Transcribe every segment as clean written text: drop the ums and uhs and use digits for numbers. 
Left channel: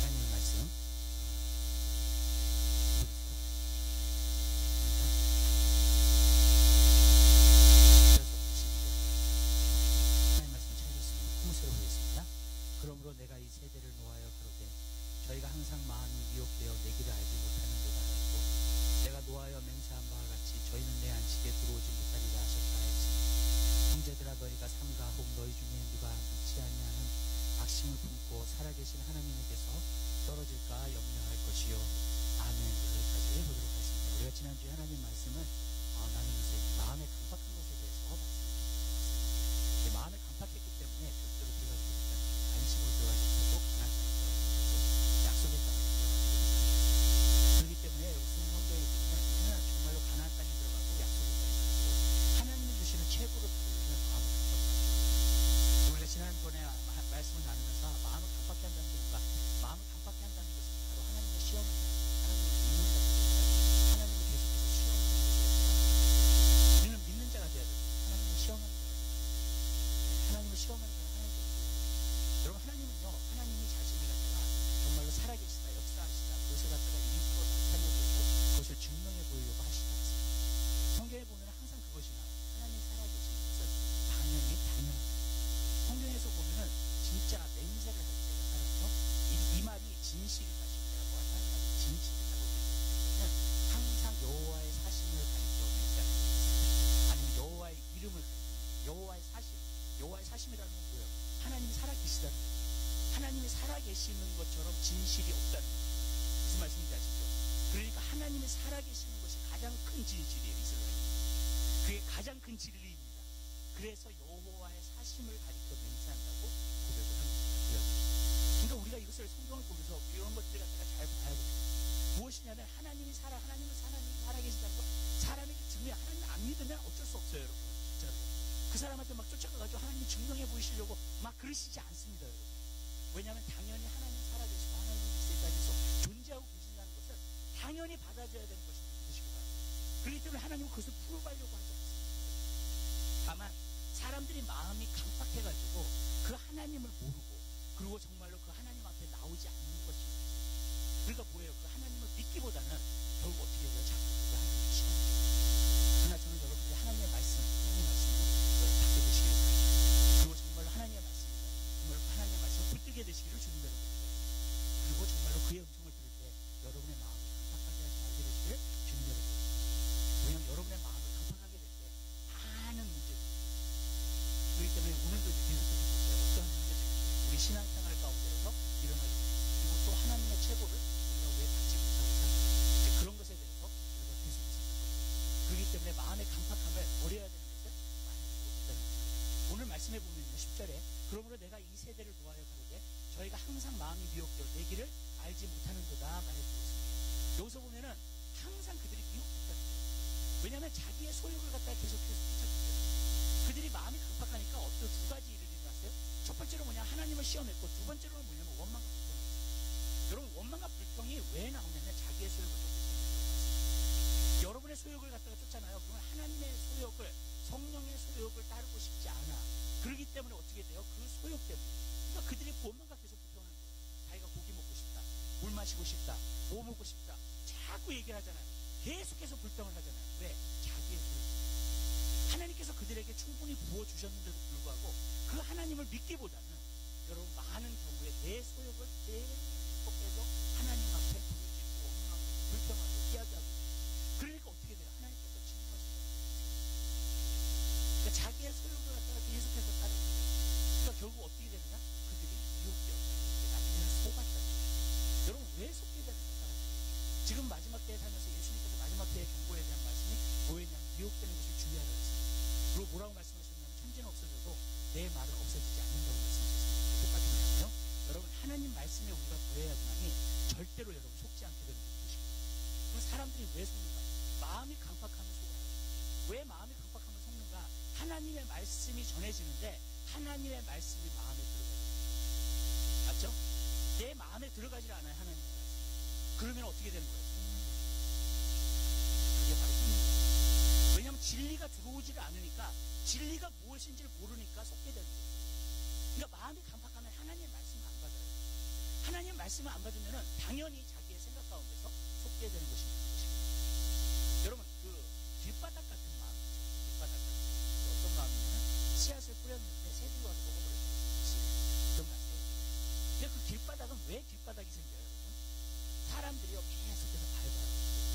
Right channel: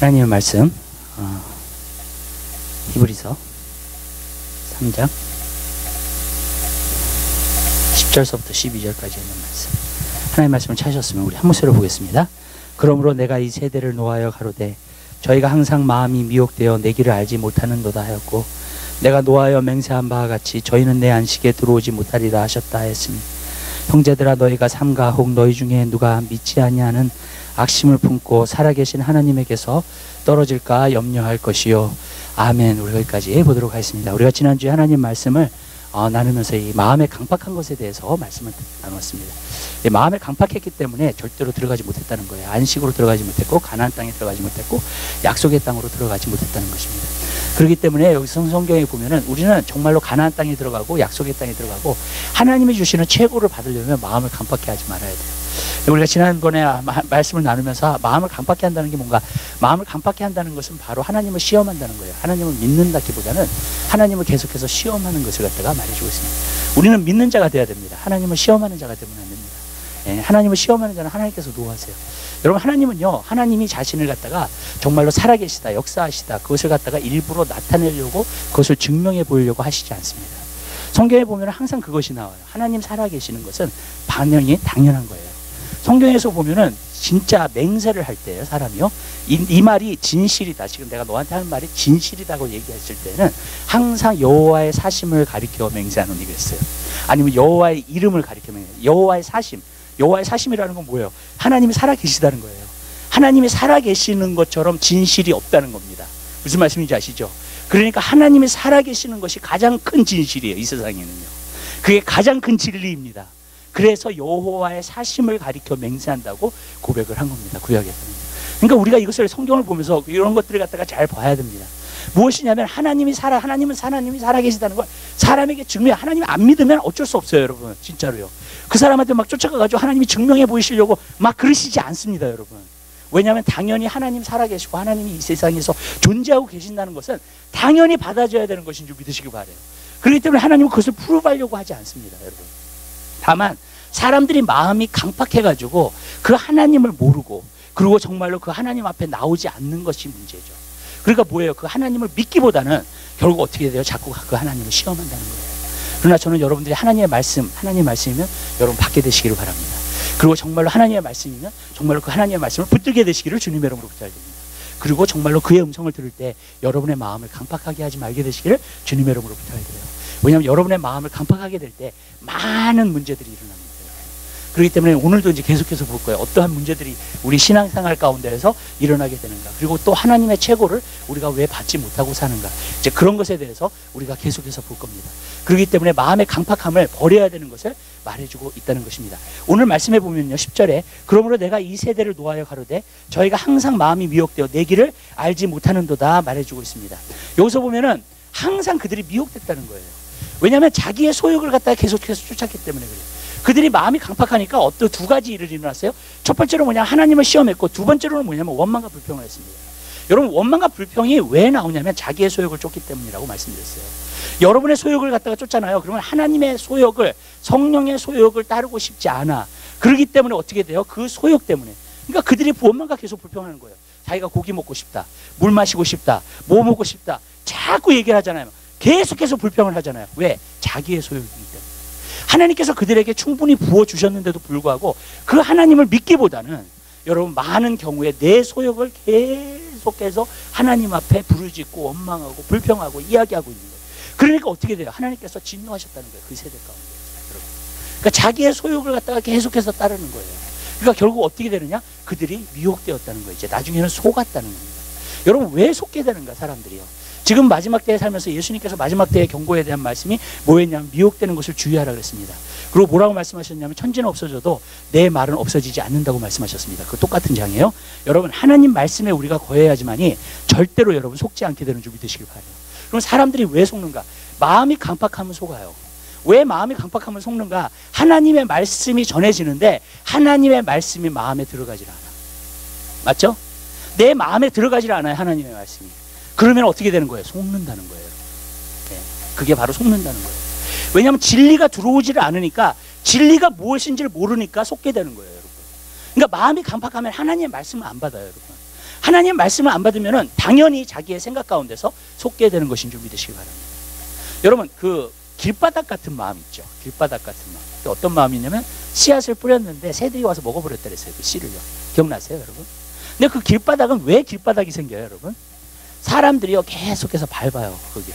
하나님의 말씀 히브리서 3장 10절서부터 12절까지 있는 말씀, 하나님의 말씀을 찾으셨으면 우리 한 목소리로 보겠습니다. 그러므로 내가 이 세대를 노하여 가로되 저희가 항상 마음이 미혹되어 내 길을 알지 못하는도다 하였고, 내가 노하여 맹세한 바와 같이 저희는 내 안식에 들어오지 못하리라 하셨다 하였으니, 형제들아 너희가 삼가 혹 너희 중에 누가 믿지 아니하는 악심을 품고 살아계신 하나님에게서 떨어질까 염려할 것이요. 아멘. 우리 여기까지 보도록 하겠습니다. 우리가 지난주에 하나님 말씀을 나누면서 이 마음의 강팍한 것에 대해서 말씀을 나눴습니다. 이 마음에 강팍했기 때문에 절대로 들어가지 못했다는 거예요. 안식으로 들어가지 못했고, 가나안 땅에 들어가지 못했고, 약속의 땅으로 들어가지 못했다는 것입니다. 그렇기 때문에 여기서 성경에 보면은 우리는 정말로 가나안 땅에 들어가고 약속의 땅에 들어가고 하나님이 주시는 최고를 받으려면 마음을 강팍해 하지 말아야 돼요. 우리가 지난번에 말씀을 나누면서 마음을 강팍해 한다는 게 뭔가, 마음을 강팍해 한다는 것은 바로 하나님을 시험한다는 거예요. 하나님을 믿는다기보다는 하나님을 계속해서 시험하는 것을 갖다가 말해주고 있습니다. 우리는 믿는 자가 되어야 됩니다. 하나님을 시험하는 자가 되면 안 됩니다. 하나님을 시험하는 자는 하나님께서 노하세요. 여러분, 하나님은요, 하나님이 자신을 갖다가 정말로 살아계시다, 역사하시다, 그것을 갖다가 일부러 나타내려고, 그것을 증명해 보이려고 하시지 않습니다. 성경에 보면 항상 그것이 나와요. 하나님 살아계시는 것은 반영이 당연한 거예요. 성경에서 보면은 진짜 맹세를 할 때요, 사람이요, 이 말이 진실이다, 지금 내가 너한테 하는 말이 진실이다고 얘기했을 때는 항상 여호와의 사심을 가리켜 맹세하는 일이 있어요. 아니면 여호와의 이름을 가리켜 맹세, 여호와의 사심. 여호와의 사심이라는 건 뭐예요? 하나님이 살아계시다는 거예요. 하나님이 살아계시는 것처럼 진실이 없다는 겁니다. 무슨 말씀인지 아시죠? 그러니까 하나님이 살아계시는 것이 가장 큰 진실이에요, 이 세상에는요. 그게 가장 큰 진리입니다. 그래서 여호와의 사심을 가리켜 맹세한다고 고백을 한 겁니다, 구약에서는. 그러니까 우리가 이것을, 성경을 보면서 이런 것들을 갖다가 잘 봐야 됩니다. 무엇이냐면 하나님이 하나님이 살아계시다는 걸 사람에게 증명해. 하나님이 안 믿으면 어쩔 수 없어요, 여러분. 진짜로요. 그 사람한테 막 쫓아가가지고 하나님이 증명해 보이시려고 막 그러시지 않습니다, 여러분. 왜냐하면 당연히 하나님 살아계시고 하나님이 이 세상에서 존재하고 계신다는 것은 당연히 받아줘야 되는 것인 줄 믿으시기 바라요. 그렇기 때문에 하나님은 그것을 프루브하려고 하지 않습니다, 여러분. 다만 사람들이 마음이 강팍해가지고 그 하나님을 모르고, 그리고 정말로 그 하나님 앞에 나오지 않는 것이 문제죠. 그러니까 뭐예요? 그 하나님을 믿기보다는 결국 어떻게 돼요? 자꾸 그 하나님을 시험한다는 거예요. 그러나 저는 여러분들이 하나님의 말씀이면 여러분 받게 되시기를 바랍니다. 그리고 정말로 하나님의 말씀이면 정말로 그 하나님의 말씀을 붙들게 되시기를 주님의 이름으로 부탁드립니다. 그리고 정말로 그의 음성을 들을 때 여러분의 마음을 강팍하게 하지 말게 되시기를 주님의 이름으로 부탁드려요. 왜냐하면 여러분의 마음을 강팍하게 될 때 많은 문제들이 일어납니다. 그렇기 때문에 오늘도 이제 계속해서 볼 거예요. 어떠한 문제들이 우리 신앙생활 가운데에서 일어나게 되는가, 그리고 또 하나님의 최고를 우리가 왜 받지 못하고 사는가, 이제 그런 것에 대해서 우리가 계속해서 볼 겁니다. 그렇기 때문에 마음의 강팍함을 버려야 되는 것을 말해주고 있다는 것입니다. 오늘 말씀해 보면요, 10절에 그러므로 내가 이 세대를 노하여 가로되 저희가 항상 마음이 미혹되어 내 길을 알지 못하는도다 말해주고 있습니다. 여기서 보면은 항상 그들이 미혹됐다는 거예요. 왜냐하면 자기의 소욕을 갖다가 계속해서 쫓았기 때문에 그래요. 그들이 마음이 강팍하니까 어떤 두 가지 일을 일어났어요. 첫 번째로 뭐냐, 하나님을 시험했고, 두 번째로는 뭐냐면 원망과 불평을 했습니다. 여러분, 원망과 불평이 왜 나오냐면 자기의 소욕을 쫓기 때문이라고 말씀드렸어요. 여러분의 소욕을 갖다가 쫓잖아요. 그러면 하나님의 소욕을, 성령의 소욕을 따르고 싶지 않아. 그렇기 때문에 어떻게 돼요? 그 소욕 때문에. 그러니까 그들이 원망과 계속 불평하는 거예요. 자기가 고기 먹고 싶다, 물 마시고 싶다, 뭐 먹고 싶다, 자꾸 얘기를 하잖아요. 계속해서 불평을 하잖아요. 왜? 자기의 소욕이기 때문에. 하나님께서 그들에게 충분히 부어주셨는데도 불구하고 그 하나님을 믿기보다는 여러분 많은 경우에 내 소욕을 계속해서 하나님 앞에 부르짖고 원망하고 불평하고 이야기하고 있는 거예요. 그러니까 어떻게 돼요? 하나님께서 진노하셨다는 거예요, 그 세대 가운데. 그러니까 자기의 소욕을 갖다가 계속해서 따르는 거예요. 그러니까 결국 어떻게 되느냐? 그들이 미혹되었다는 거예요. 이제 나중에는 속았다는 겁니다. 여러분, 왜 속게 되는가, 사람들이요? 지금 마지막 때에 살면서 예수님께서 마지막 때의 경고에 대한 말씀이 뭐였냐면 미혹되는 것을 주의하라 그랬습니다. 그리고 뭐라고 말씀하셨냐면 천지는 없어져도 내 말은 없어지지 않는다고 말씀하셨습니다. 그 똑같은 장이에요. 여러분, 하나님 말씀에 우리가 거해야지만이 절대로 여러분 속지 않게 되는 줄 믿으시길 바라요. 그럼 사람들이 왜 속는가? 마음이 강팍하면 속아요. 왜 마음이 강팍하면 속는가? 하나님의 말씀이 전해지는데 하나님의 말씀이 마음에 들어가질 않아. 맞죠? 내 마음에 들어가질 않아요, 하나님의 말씀이. 그러면 어떻게 되는 거예요? 속는다는 거예요. 네, 그게 바로 속는다는 거예요. 왜냐하면 진리가 들어오지를 않으니까, 진리가 무엇인지를 모르니까 속게 되는 거예요, 여러분. 그러니까 마음이 강팍하면 하나님의 말씀을 안 받아요, 여러분. 하나님의 말씀을 안 받으면은 당연히 자기의 생각 가운데서 속게 되는 것인 줄 믿으시기 바랍니다. 여러분, 그 길바닥 같은 마음 있죠. 길바닥 같은 마음. 어떤 마음이냐면 씨앗을 뿌렸는데 새들이 와서 먹어버렸다 그랬어요. 그 씨를요. 기억나세요, 여러분? 근데 그 길바닥은 왜 길바닥이 생겨요, 여러분? 사람들이요 계속해서 밟아요. 거기를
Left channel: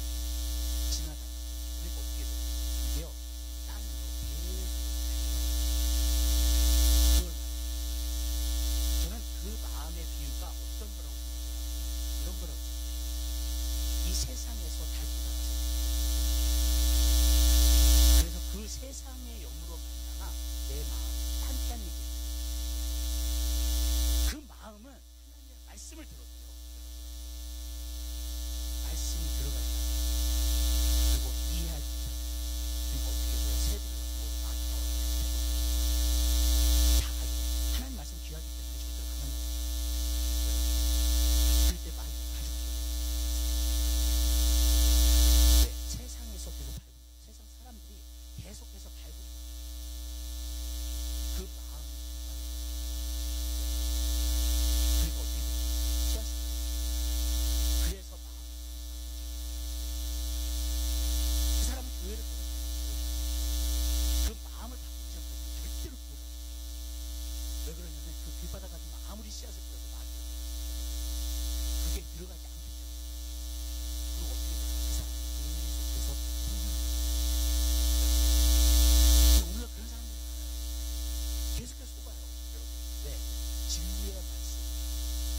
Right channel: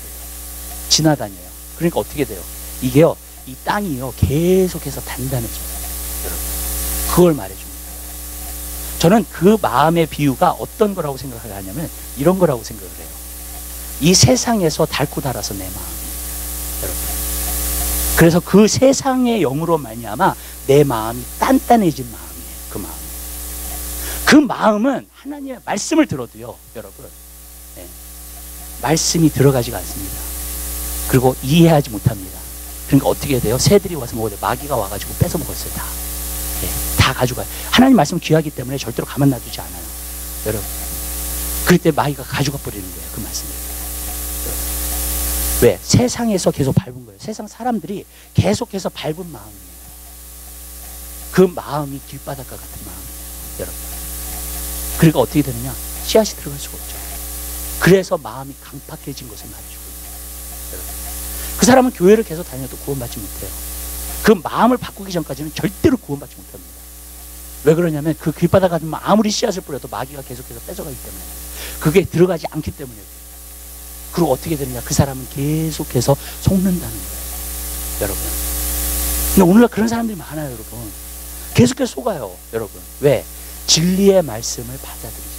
지나다녀요. 그러니까 어떻게 돼요? 이게요, 이 땅이요 계속해서 단단해져요. 여러분, 그걸 말해줍니다. 저는 그 마음의 비유가 어떤 거라고 생각을 하냐면 이런 거라고 생각을 해요. 이 세상에서 닳고 닳아서 내 마음이, 여러분, 그래서 그 세상의 영으로 말미암아 내 마음이 단단해진 마음이에요. 그 마음. 그 마음은 하나님의 말씀을 들어도요, 여러분, 네, 말씀이 들어가지가 않습니다. 그리고 이해하지 못합니다. 그러니까 어떻게 돼요? 새들이 와서 먹어요. 마귀가 와가지고 뺏어 먹었어요. 다. 네, 다 가져가요. 하나님 말씀 귀하기 때문에 절대로 가만 놔두지 않아요. 여러분. 그럴 때 마귀가 가져가 버리는 거예요. 그 말씀을. 왜? 세상에서 계속 밟은 거예요. 세상 사람들이 계속해서 밟은 마음이에요. 그 마음이 길바닥과 같은 마음이에요. 여러분. 그러니까 어떻게 되느냐? 씨앗이 들어갈 수가 없죠. 그래서 마음이 강팍해진 것을 말해주고 있어요. 여러분. 그 사람은 교회를 계속 다녀도 구원받지 못해요. 그 마음을 바꾸기 전까지는 절대로 구원받지 못합니다. 왜 그러냐면 그 길바닥 같은 마음, 아무리 씨앗을 뿌려도 마귀가 계속해서 뺏어가기 때문에, 그게 들어가지 않기 때문에. 그리고 어떻게 되느냐? 그 사람은 계속해서 속는다는 거예요. 여러분. 근데 오늘날 그런 사람들이 많아요, 여러분. 계속해서 속아요, 여러분. 왜? 진리의 말씀을 받아들이잖아요.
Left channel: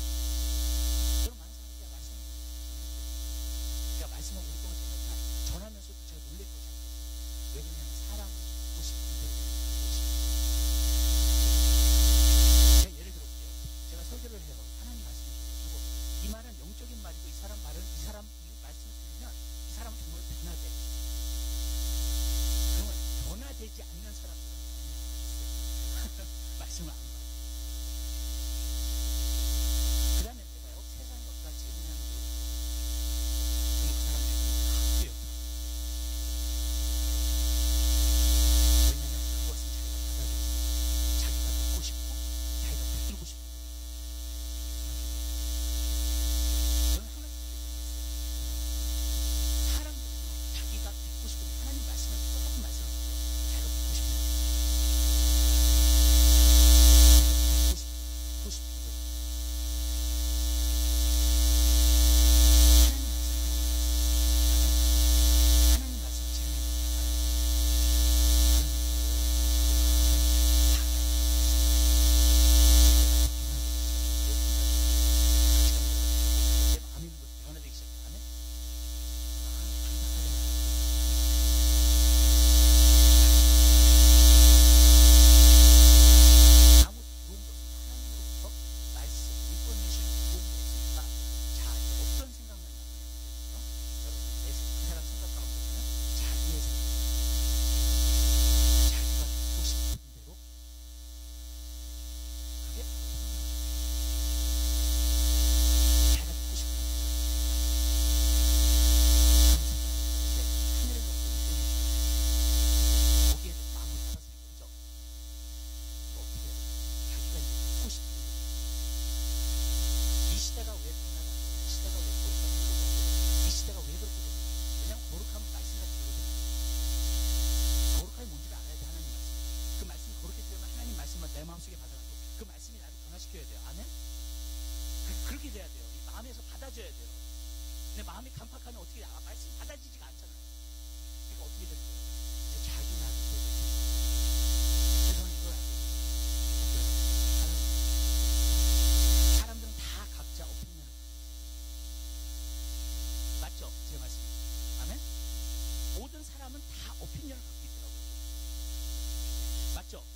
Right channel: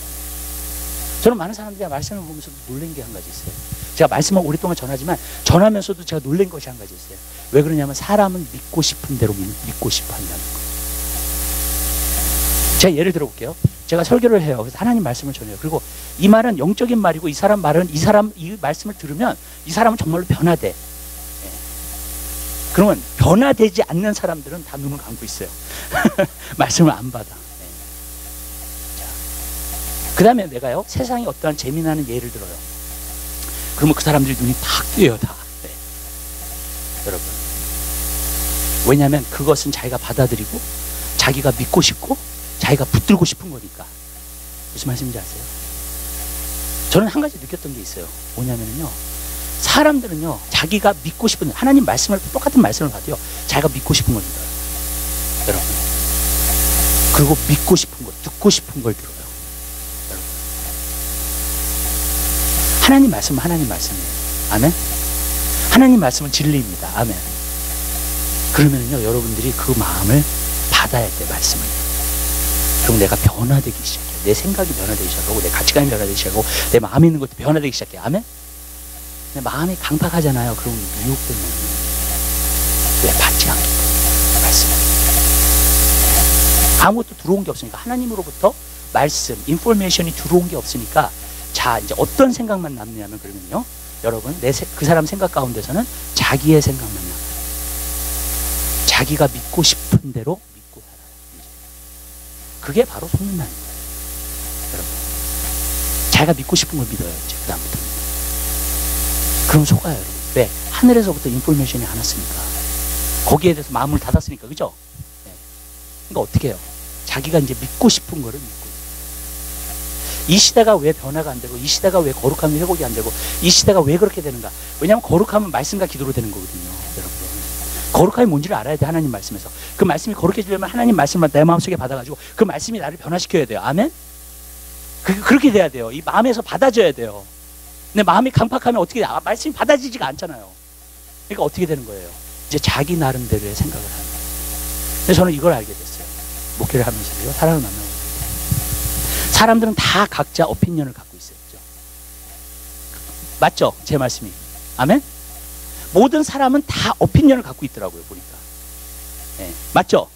저는 많은 사람들이 말씀을 보면서 놀란 게 한 가지 있어요. 제가 말씀을 오랫동안 전하지만 전하면서도 제가 놀란 것이 한 가지 있어요. 왜 그러냐면 사람은 믿고 싶은 대로 믿고 싶어 한다는 거예요. 제가 예를 들어 볼게요. 제가 설교를 해요. 그래서 하나님 말씀을 전해요. 그리고 이 말은 영적인 말이고 이 사람 말은 이 말씀을 들으면 이 사람은 정말로 변화돼. 예. 그러면 변화되지 않는 사람들은 다 눈을 감고 있어요. 말씀을 안 받아. 예. 그 다음에 내가요, 세상에 어떠한 재미나는 예를 들어요. 그러면 그 사람들이 눈이 팍 뜨여요, 다. 네. 여러분. 왜냐하면 그것은 자기가 받아들이고 자기가 믿고 싶고 자기가 붙들고 싶은 거니까. 무슨 말씀인지 아세요? 저는 한 가지 느꼈던 게 있어요. 뭐냐면요, 사람들은요 자기가 믿고 싶은, 하나님 말씀을, 똑같은 말씀을 봐도요 자기가 믿고 싶은 걸 믿어요. 여러분. 그리고 믿고 싶은 거, 듣고 싶은 걸 들어요. 여러분. 하나님 말씀은 하나님 말씀이에요. 아멘. 하나님 말씀은 진리입니다. 아멘. 그러면요 여러분들이 그 마음을 받아야 돼. 말씀을. 그럼 내가 변화되기 시작해요. 내 생각이 변화되기 시작하고 내 가치관이 변화되기 시작하고 내 마음에 있는 것도 변화되기 시작해요. 아멘. 내 마음이 강팍하잖아요. 그럼 유혹되면 왜 받지 않기 때문에. 말씀을. 아무것도 들어온 게 없으니까, 하나님으로부터 말씀, 인포메이션이 들어온 게 없으니까, 자 이제 어떤 생각만 남냐면, 그러면요 여러분, 그 사람 생각 가운데서는 자기의 생각만 남아요. 자기가 믿고 싶은 대로 믿고 살아요. 그게 바로 속는다는 거예요. 여러분. 자기가 믿고 싶은 걸 믿어요. 이제 그 다음부터는. 그럼 속아요, 여러분. 왜? 하늘에서부터 인포메이션이 안 왔으니까. 거기에 대해서 마음을 닫았으니까. 그죠? 네. 그러니까 어떻게 해요? 자기가 이제 믿고 싶은 거를 믿고. 이 시대가 왜 변화가 안 되고, 이 시대가 왜 거룩함이 회복이 안 되고, 이 시대가 왜 그렇게 되는가? 왜냐하면 거룩함은 말씀과 기도로 되는 거거든요, 여러분. 거룩함이 뭔지를 알아야 돼. 하나님 말씀에서. 그 말씀이 거룩해지려면 하나님 말씀을 내 마음속에 받아가지고 그 말씀이 나를 변화시켜야 돼요. 아멘? 그렇게 돼야 돼요. 이 마음에서 받아줘야 돼요. 근데 마음이 강팍하면 어떻게 돼? 말씀이 받아지지가 않잖아요. 그러니까 어떻게 되는 거예요? 이제 자기 나름대로의 생각을 하는 거예요. 근데 저는 이걸 알게 됐어요. 목회를 하면서요. 사람을 만나고. 사람들은 다 각자 오피니언을 갖고 있어요. 맞죠? 제 말씀이. 아멘? 모든 사람은 다 오피니언을 갖고 있더라고요, 보니까. 네, 맞죠?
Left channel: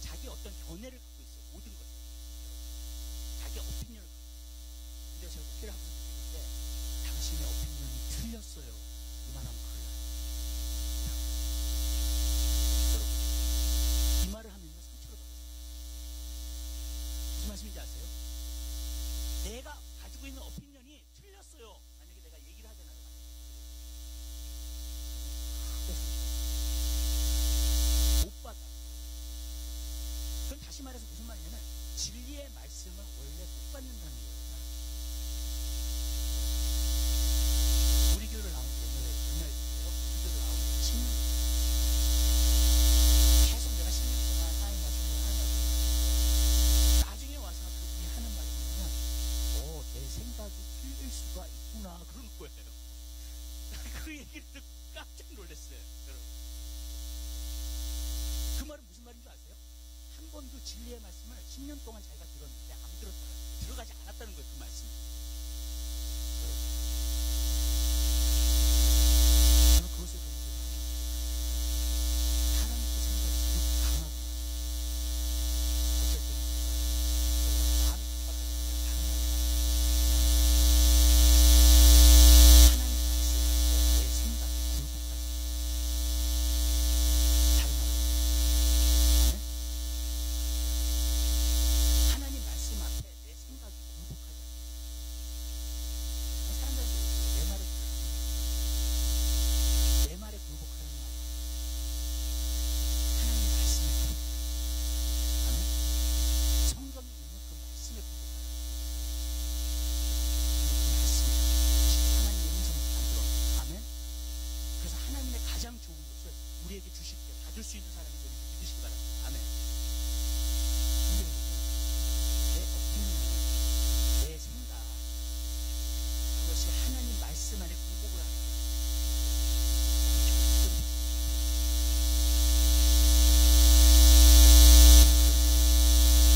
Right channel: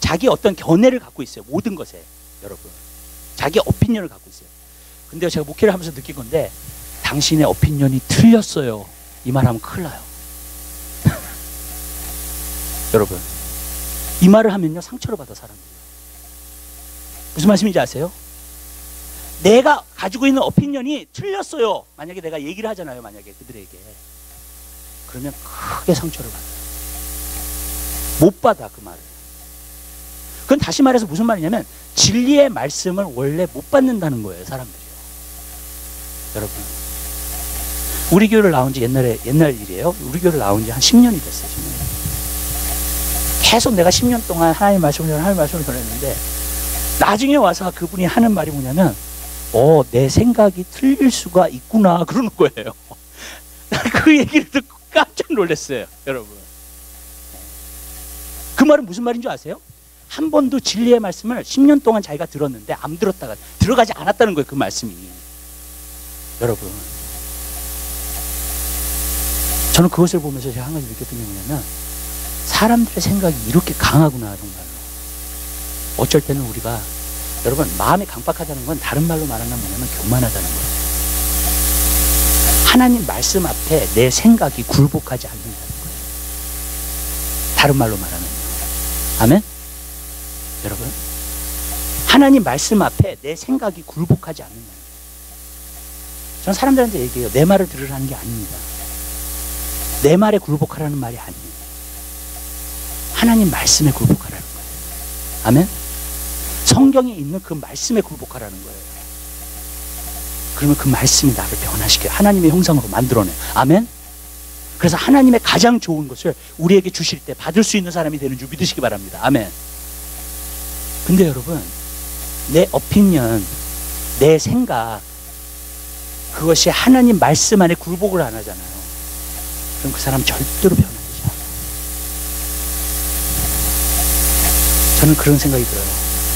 자기 어떤 견해를 갖고 있어요. 모든 것에, 여러분. 자기 오피니언을 갖고 있어요. 근데 제가 목회를 하면서 느낀 건데, 당신의 오피니언이 틀렸어요. 이 말하면 큰일 나요. 여러분. 이 말을 하면요, 상처를 받아, 사람들이. 무슨 말씀인지 아세요? 내가 가지고 있는 오피니언이 틀렸어요. 만약에 내가 얘기를 하잖아요, 만약에 그들에게. 그러면 크게 상처를 받아요. 못 받아, 그 말을. 그건 다시 말해서 무슨 말이냐면 진리의 말씀을 원래 못 받는다는 거예요, 사람들이요. 여러분, 우리 교회를 나온 지 옛날 일이에요. 우리 교회를 나온 지 한 10년이 됐어요. 10년. 계속 내가 10년 동안 하나님의 말씀을 전했는데 나중에 와서 그분이 하는 말이 뭐냐면 내 생각이 틀릴 수가 있구나 그러는 거예요. 그 얘기를 듣고 깜짝 놀랐어요, 여러분. 그 말은 무슨 말인 줄 아세요? 한 번도 진리의 말씀을 10년 동안 자기가 들었는데 안 들었다가 들어가지 않았다는 거예요, 그 말씀이. 여러분, 저는 그것을 보면서 제가 한 가지 느꼈던 게 뭐냐면 사람들의 생각이 이렇게 강하구나, 정말로. 어쩔 때는 우리가, 여러분, 마음이 강박하다는 건 다른 말로 말하면 뭐냐면 교만하다는 거예요. 하나님 말씀 앞에 내 생각이 굴복하지 않는다는 거예요. 다른 말로 말하면요. 아멘? 여러분, 하나님 말씀 앞에 내 생각이 굴복하지 않는다는 거예요. 저는 사람들한테 얘기해요. 내 말을 들으라는 게 아닙니다. 내 말에 굴복하라는 말이 아니에요. 하나님 말씀에 굴복하라는 거예요. 아멘? 성경에 있는 그 말씀에 굴복하라는 거예요. 그러면 그 말씀이 나를 변화시켜요. 하나님의 형상으로 만들어내요. 아멘? 그래서 하나님의 가장 좋은 것을 우리에게 주실 때 받을 수 있는 사람이 되는 줄 믿으시기 바랍니다. 아멘. 근데 여러분, 내 오피니언, 내 생각, 그것이 하나님 말씀 안에 굴복을 안 하잖아요. 그럼 그 사람 절대로 변화되지 않아요. 저는 그런 생각이 들어요.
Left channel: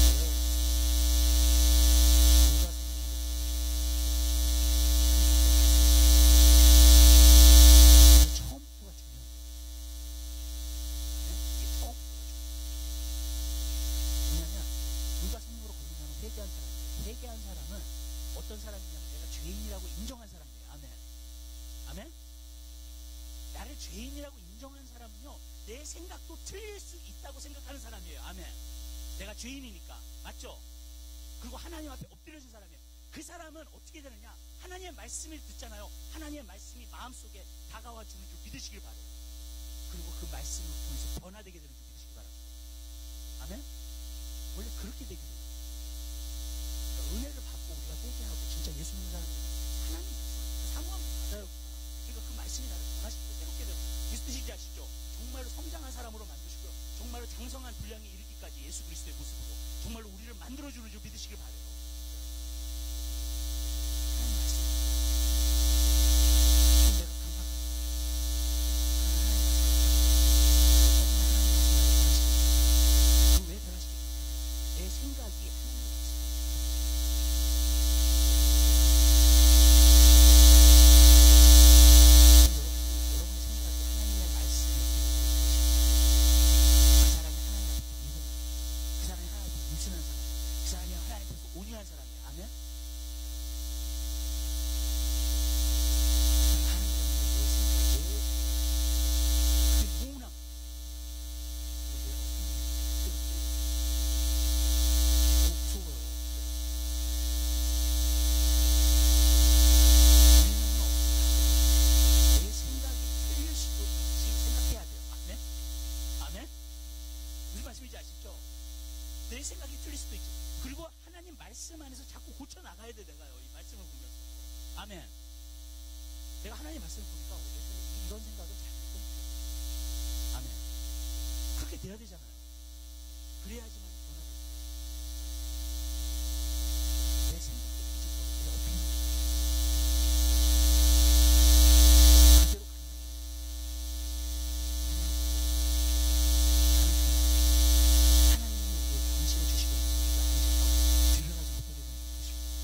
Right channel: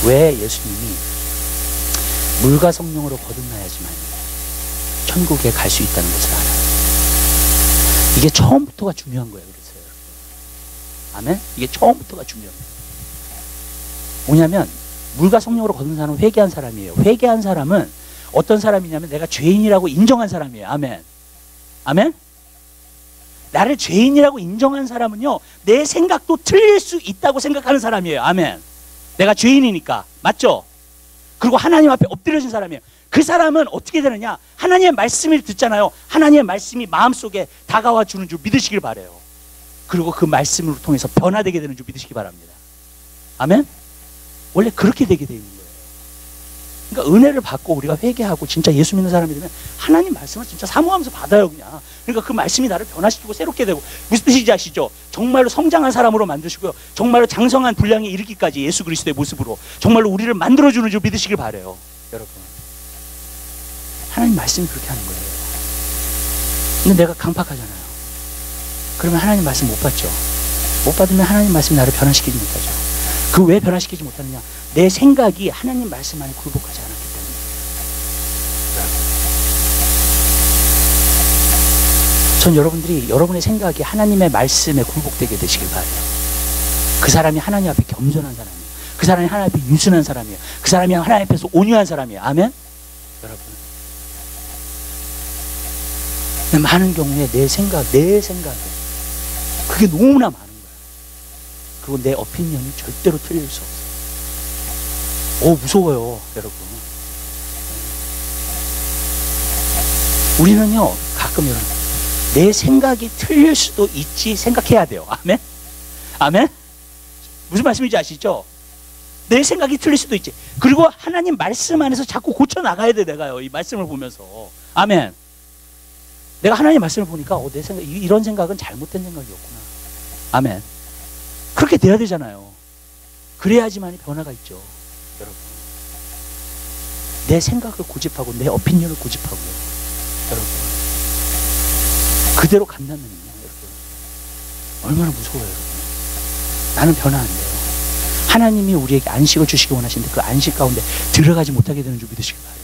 왜 예수님이 물과 성령으로 거듭나야지만 천국에 갈 수 있다는 것을 알아요. 이게 처음부터가 중요한 거예요. 그래서요. 아멘? 이게 처음부터가 중요한 거예요. 뭐냐면 물과 성령으로 거듭난 사람은 회개한 사람이에요. 회개한 사람은 어떤 사람이냐면 내가 죄인이라고 인정한 사람이에요. 아멘? 아멘? 나를 죄인이라고 인정한 사람은요, 내 생각도 틀릴 수 있다고 생각하는 사람이에요. 아멘. 내가 죄인이니까. 맞죠? 그리고 하나님 앞에 엎드려진 사람이에요. 그 사람은 어떻게 되느냐? 하나님의 말씀을 듣잖아요. 하나님의 말씀이 마음속에 다가와 주는 줄 믿으시길 바라요. 그리고 그 말씀을 통해서 변화되게 되는 줄 믿으시기 바랍니다. 아멘? 원래 그렇게 되게 되어 있는 거예요. 그러니까 은혜를 받고 우리가 회개하고 진짜 예수 믿는 사람이 되면 하나님 말씀을 진짜 사모하면서 받아요, 그냥. 그러니까 그 말씀이 나를 변화시키고 새롭게 되고, 무슨 뜻인지 아시죠? 정말로 성장한 사람으로 만드시고요, 정말로 장성한 분량에 이르기까지 예수 그리스도의 모습으로 정말로 우리를 만들어주는 줄 믿으시길 바라요. 여러분, 하나님 말씀이 그렇게 하는 거예요. 근데 내가 강박하잖아요. 그러면 하나님 말씀 못 받죠. 못 받으면 하나님 말씀이 나를 변화시키지 못하죠. 그 왜 변화시키지 못하느냐? 내 생각이 하나님 말씀 안에 굴복하지 않았기 때문에. 전 여러분들이 여러분의 생각이 하나님의 말씀에 굴복되게 되시길 바라요. 그 사람이 하나님 앞에 겸손한 사람이에요. 그 사람이 하나님 앞에 유순한 사람이에요. 그 사람이 하나님 앞에서 온유한 사람이에요. 아멘? 여러분, 많은 경우에 내 생각에 그게 너무나 많은 거예요. 그리고 내 오피니언이 절대로 틀릴 수 없어요. 무서워요, 여러분. 우리는요, 가끔 이런, 내 생각이 틀릴 수도 있지 생각해야 돼요. 아멘? 아멘? 무슨 말씀인지 아시죠? 내 생각이 틀릴 수도 있지. 그리고 하나님 말씀 안에서 자꾸 고쳐나가야 돼, 내가요. 이 말씀을 보면서. 아멘? 내가 하나님 말씀을 보니까 내 생각, 이런 생각은 잘못된 생각이었구나. 아멘? 그렇게 돼야 되잖아요. 그래야지만 변화가 있죠. 여러분, 내 생각을 고집하고 내 오피니언을 고집하고요, 여러분, 그대로 간다면요, 여러분, 얼마나 무서워요. 여러분, 나는 변화 안 돼요. 하나님이 우리에게 안식을 주시기 원하시는데 그 안식 가운데 들어가지 못하게 되는 줄 믿으시기 바라요.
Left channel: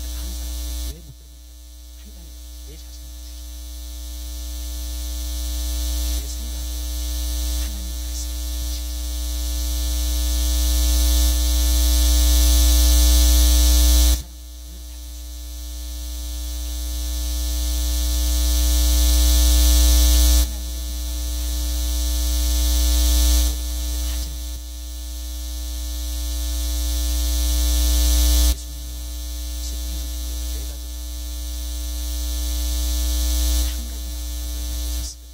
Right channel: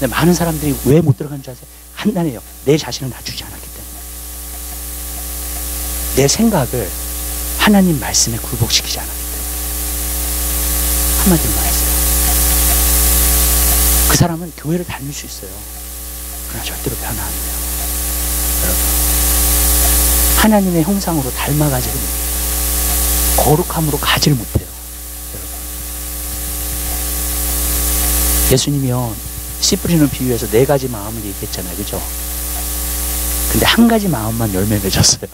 근데 많은 사람들이 왜 못 들어가는 줄 아세요? 간단해요. 내 자신을 낮추지 않았기 때문에. 내 생각을 하나님 말씀에 굴복시키지 않았기 때문에. 한마디로 말했어요. 그 사람은 교회를 다닐 수 있어요. 그러나 절대로 변화 안 돼요. 여러분, 하나님의 형상으로 닮아가지를 못해요. 거룩함으로 가지를 못해요. 여러분, 예수님이요, 씨 뿌리는 비유에서 4가지 마음을 얘기했잖아요. 그죠? 근데 한 가지 마음만 열매 맺었어요.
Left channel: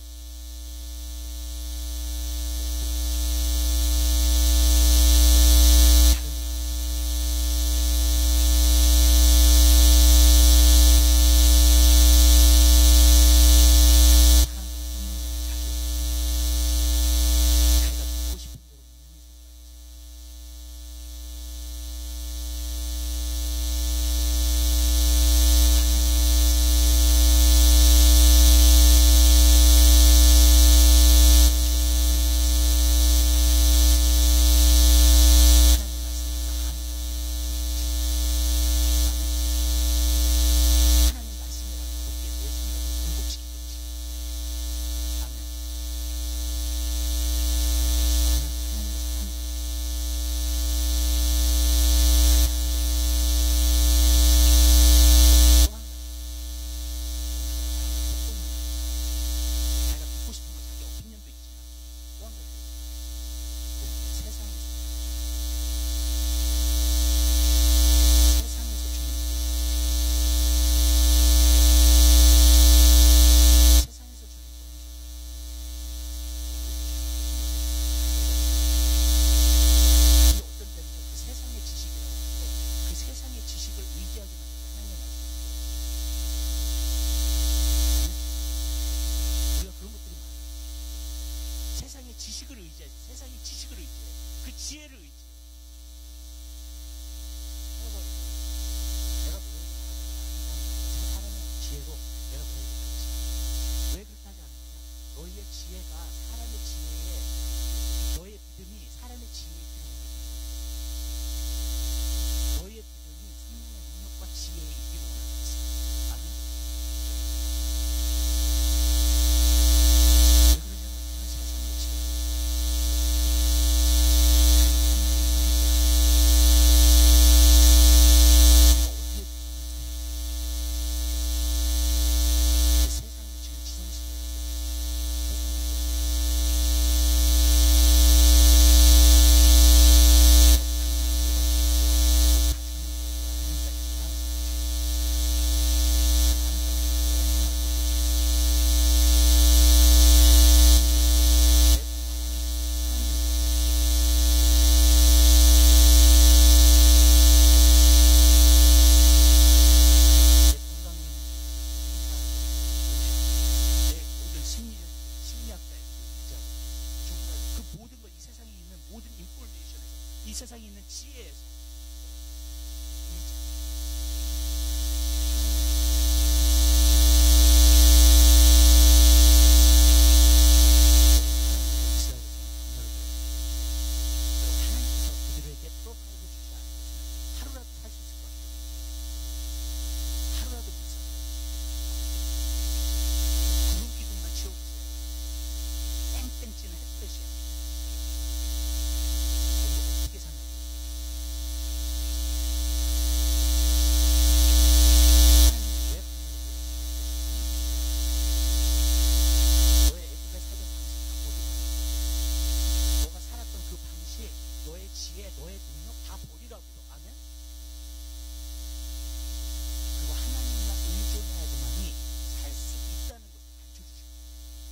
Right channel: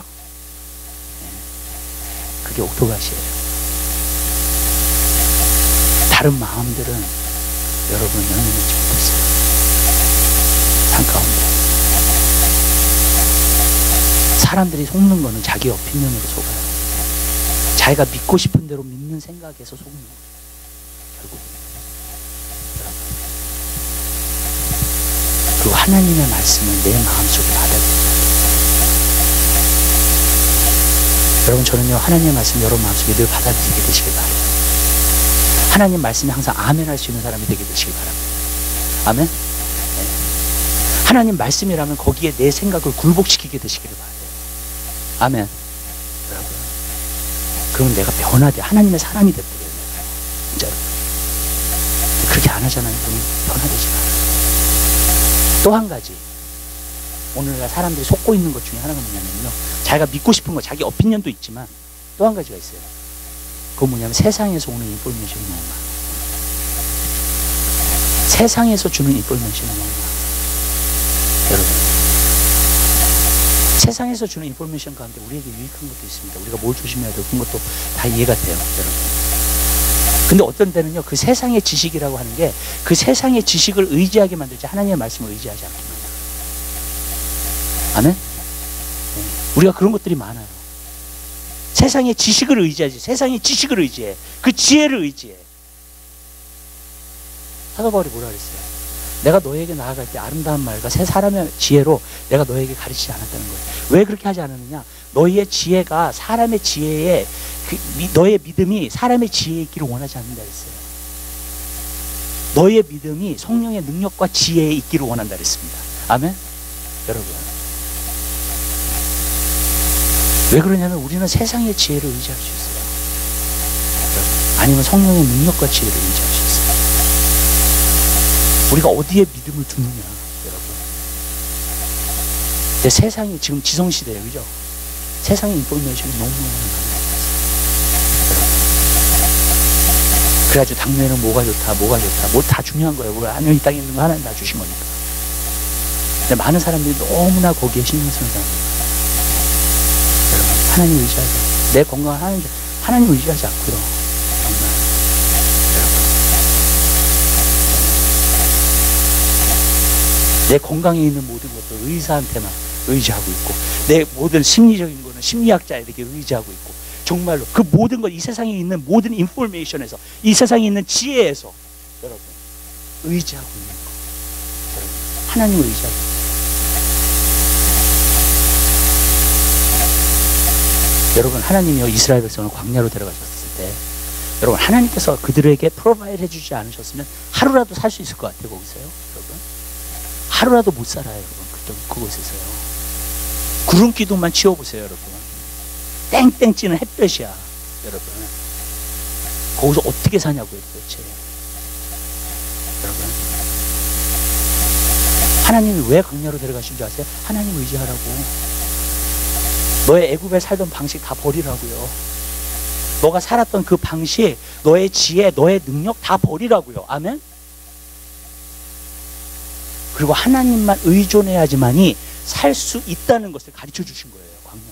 그게 옥토갓이에요. 다른 마음들은 여러분 연연하지 못했어요. 한가운데 사람들이 속는 거는 자기 오피니언으로 속아요. 자기가 믿고 싶은 대로 믿는 생각에서 속는 거예요. 결국은 여러분, 그리고 하나님의 말씀을 내 마음속에 받아들여요. 여러분, 저는요 하나님의 말씀 여러분 마음속에 늘 받아들이게 되시길 바라요. 하나님 말씀에 항상 아멘 할 수 있는 사람이 되게 되시길 바랍니다. 아멘. 네. 하나님 말씀이라면 거기에 내 생각을 굴복시키게 되시기를 바라요. 아멘. 여러분, 그러면 내가 변화돼 하나님의 사람이 돼버려요. 진짜로. 그렇게 안 하잖아요. 그러면 변화되지 않아요. 또 한 가지, 오늘날 사람들이 속고 있는 것 중에 하나가 뭐냐면요, 자기가 믿고 싶은 거, 자기 오피니언도 있지만 또 한 가지가 있어요. 그건 뭐냐면 세상에서 오는 인포메이션이 너무 많아요. 세상에서 주는 인포메이션이 너무 많아요. 여러분, 세상에서 주는 인포메이션 가운데 우리에게 유익한 것도 있습니다. 우리가 뭘 조심해야 되고 그런 것도 다 이해가 돼요, 여러분. 근데 어떤 때는요, 그 세상의 지식이라고 하는 게 그 세상의 지식을 의지하게 만들지 하나님의 말씀을 의지하지 않게 만들어요. 아멘? 네. 우리가 그런 것들이 많아요. 세상의 지식을 의지하지. 세상의 지식을 의지해. 그 지혜를 의지해. 사도 바울이 뭐라 그랬어요? 내가 너에게 나아갈 때 아름다운 말과 새 사람의 지혜로 내가 너에게 가르치지 않았다는 거예요. 왜 그렇게 하지 않았느냐? 너희의 지혜가 사람의 지혜에 너의 믿음이 사람의 지혜에 있기를 원하지 않는다 그랬어요. 너희의 믿음이 성령의 능력과 지혜에 있기를 원한다 그랬습니다. 아멘? 여러분, 왜 그러냐면 우리는 세상의 지혜를 의지할 수 있어요. 여러분, 아니면 성령의 능력과 지혜를 의지할 수 있어요. 우리가 어디에 믿음을 두느냐, 여러분. 근데 세상이 지금 지성시대예요, 그죠? 세상의 인포메이션이 너무너무 많아요. 그래가지고 당뇨에는 뭐가 좋다, 뭐가 좋다, 뭐 다 중요한 거예요. 우리 하늘 이 땅에 있는 거 하나님 다 주신 거니까. 근데 많은 사람들이 너무나 거기에 신경 쓰는 사람들이에요. 여러분, 하나님 의지하자. 내 건강을 하나님 의지하지 않고요. 정말. 여러분, 내 건강에 있는 모든 것도 의사한테만 의지하고 있고, 내 모든 심리적인 거는 심리학자에게 의지하고 있고, 정말로 그 모든 것, 이 세상에 있는 모든 인포메이션에서, 이 세상에 있는 지혜에서 여러분 의지하고 있는 거. 여러분, 하나님을 의지하고. 여러분, 하나님이요 이스라엘 백성을 광야로 데려가셨을 때, 여러분 하나님께서 그들에게 프로바이드 해주지 않으셨으면 하루라도 살 수 있을 것 같아요. 거기서요, 여러분. 하루라도 못 살아요, 여러분. 그곳에서요. 구름 기둥만 치워보세요, 여러분. 땡땡 찌는 햇볕이야, 여러분. 거기서 어떻게 사냐고요, 도대체. 여러분, 하나님이 왜 광야로 데려가신 줄 아세요? 하나님 의지하라고. 너의 애굽에 살던 방식 다 버리라고요. 너가 살았던 그 방식, 너의 지혜, 너의 능력 다 버리라고요. 아멘? 그리고 하나님만 의존해야지만이 살 수 있다는 것을 가르쳐 주신 거예요, 광야에서.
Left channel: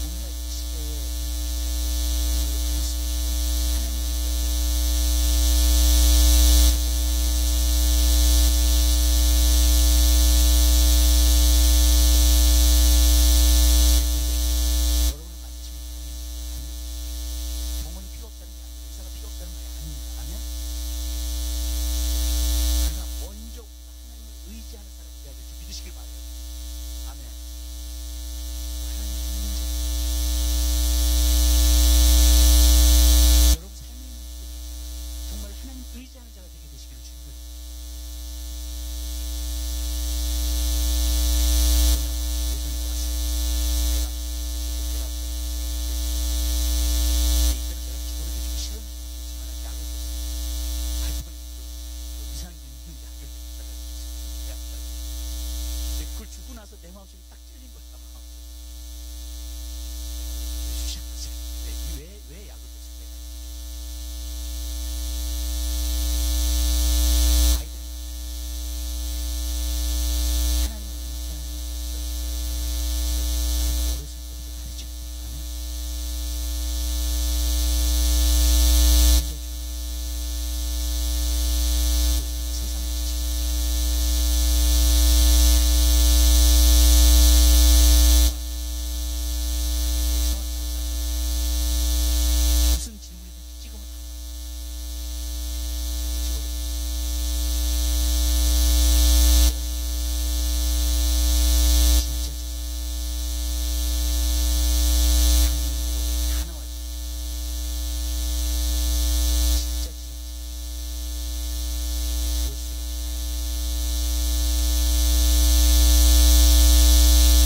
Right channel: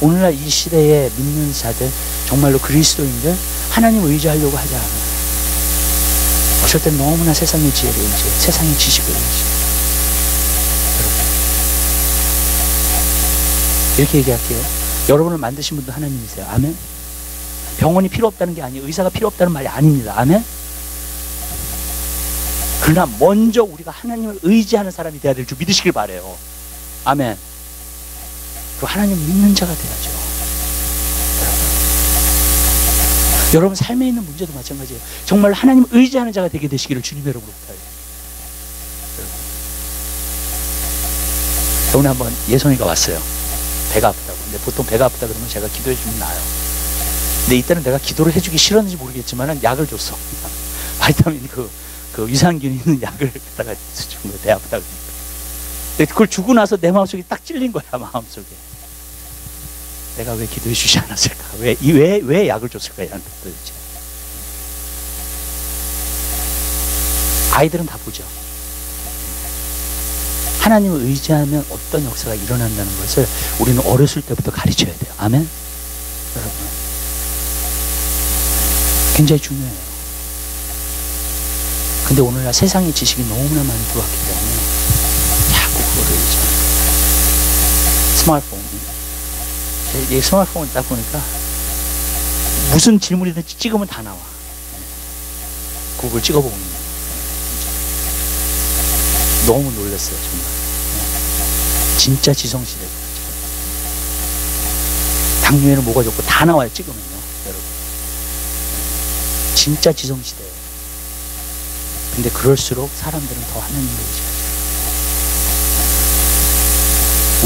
오늘날 이 시대에 믿는 자들, 정말로 그리스도인들, 하나님 의지하려고 하지 않아요. 어쩔 땐 너무나 세상의 지혜를 의지해, 세상의 지식을 의지해. 이렇게 얘기할게요. 여러분을 만드신 분도 하나님이세요. 아멘? 병원이 필요 없다는 게 아니에요. 의사가 필요 없다는 말이 아닙니다. 아멘? 그러나 먼저 우리가 하나님을 의지하는 사람이 돼야 될 줄 믿으시길 바라요. 아멘. 그리고 하나님 믿는 자가 돼야죠. 여러분 삶에 있는 문제도 마찬가지예요. 정말 하나님을 의지하는 자가 되게 되시기를 주님 여러분 부탁해요. 오늘 한번 예송이가 왔어요. 배가 아프다고. 근데 보통 배가 아프다 그러면 제가 기도해 주면 나아요. 근데 이때는 내가 기도를 해주기 싫었는지 모르겠지만 약을 줬어. 바이타민 그 유산균 있는 약을 갖다가 준 거예요. 배 아프다 그러니까. 근데 그걸 주고 나서 내 마음속에 딱 찔린 거야, 마음속에. 내가 왜 기도해 주지 않았을까? 왜 약을 줬을까? 얘한테 도대체. 아이들은 다 보죠. 하나님을 의지하면 어떤 역사가 일어난다는 것을 우리는 어렸을 때부터 가르쳐야 돼요. 아멘? 여러분. 굉장히 중요해요. 근데 오늘날 세상의 지식이 너무나 많이 들어왔기 때문에 자꾸 그거를 스마트폰, 이 스마트폰을 딱 보니까 무슨 질문이든지 찍으면 다 나와. 구글 찍어보면 너무 놀랐어요, 정말. 진짜 지성시대구나. 당뇨에는 뭐가 좋고 다 나와요, 찍으면요, 여러분. 진짜 지성시대예요. 근데 그럴수록 사람들은 더 하나님을 의지하죠.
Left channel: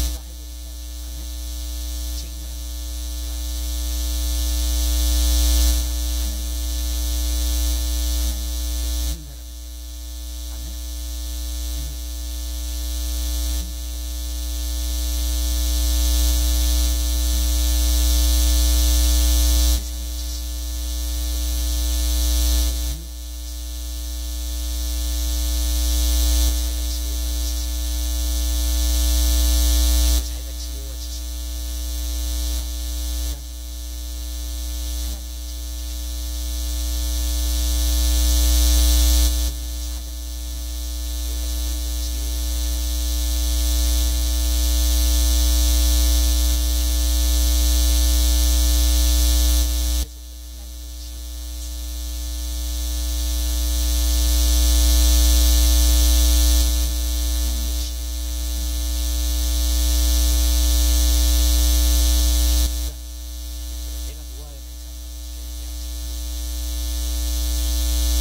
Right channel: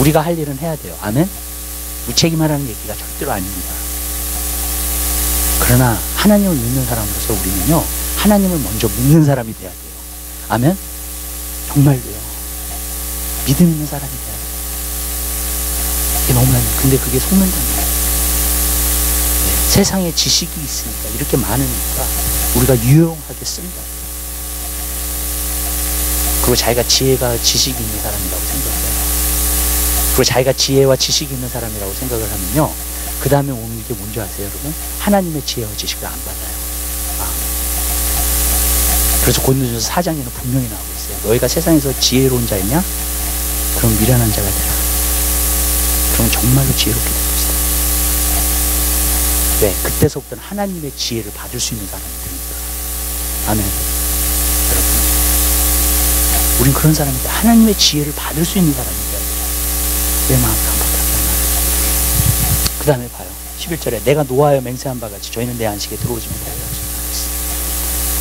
우리가 할 일은 해야 돼요. 아멘? 무책임하라는 얘기가 절대로 아닙니다. 그러나 하나님을 믿는 사람으로서 우리는요, 하나님을 먼저 믿는 사람이 돼야 돼요. 아멘? 정말로요. 믿음 있는 사람이 돼야 돼요. 이게 너무나, 근데 그게 속는다는 거예요. 네, 세상에 지식이 있으니까, 이렇게 많으니까 우리가 유용하게 쓴다. 그리고 자기가 지혜가 지식이 있는 사람이라고 생각해요. 그리고 자기가 지혜와 지식이 있는 사람이라고 생각을 하면요, 그 다음에 오는 게 뭔지 아세요, 여러분? 하나님의 지혜와 지식을 안 받아요. 그래서 고린도전서 4장에는 분명히 나오고 있어요. 너희가 세상에서 지혜로운 자이냐? 그럼 미련한 자가 되라. 그럼 정말로 지혜롭게 될 것이다. 네, 그때서부터는 하나님의 지혜를 받을 수 있는 사람이 됩니다. 아멘. 여러분, 우린 그런 사람인데 하나님의 지혜를 받을 수 있는 사람이 돼야 돼요. 내 마음 깜빡하지 않아. 그 다음에 봐요. 11절에 내가 노하여 맹세한 바 같이 저희는 내 안식에 들어오지 못하리라.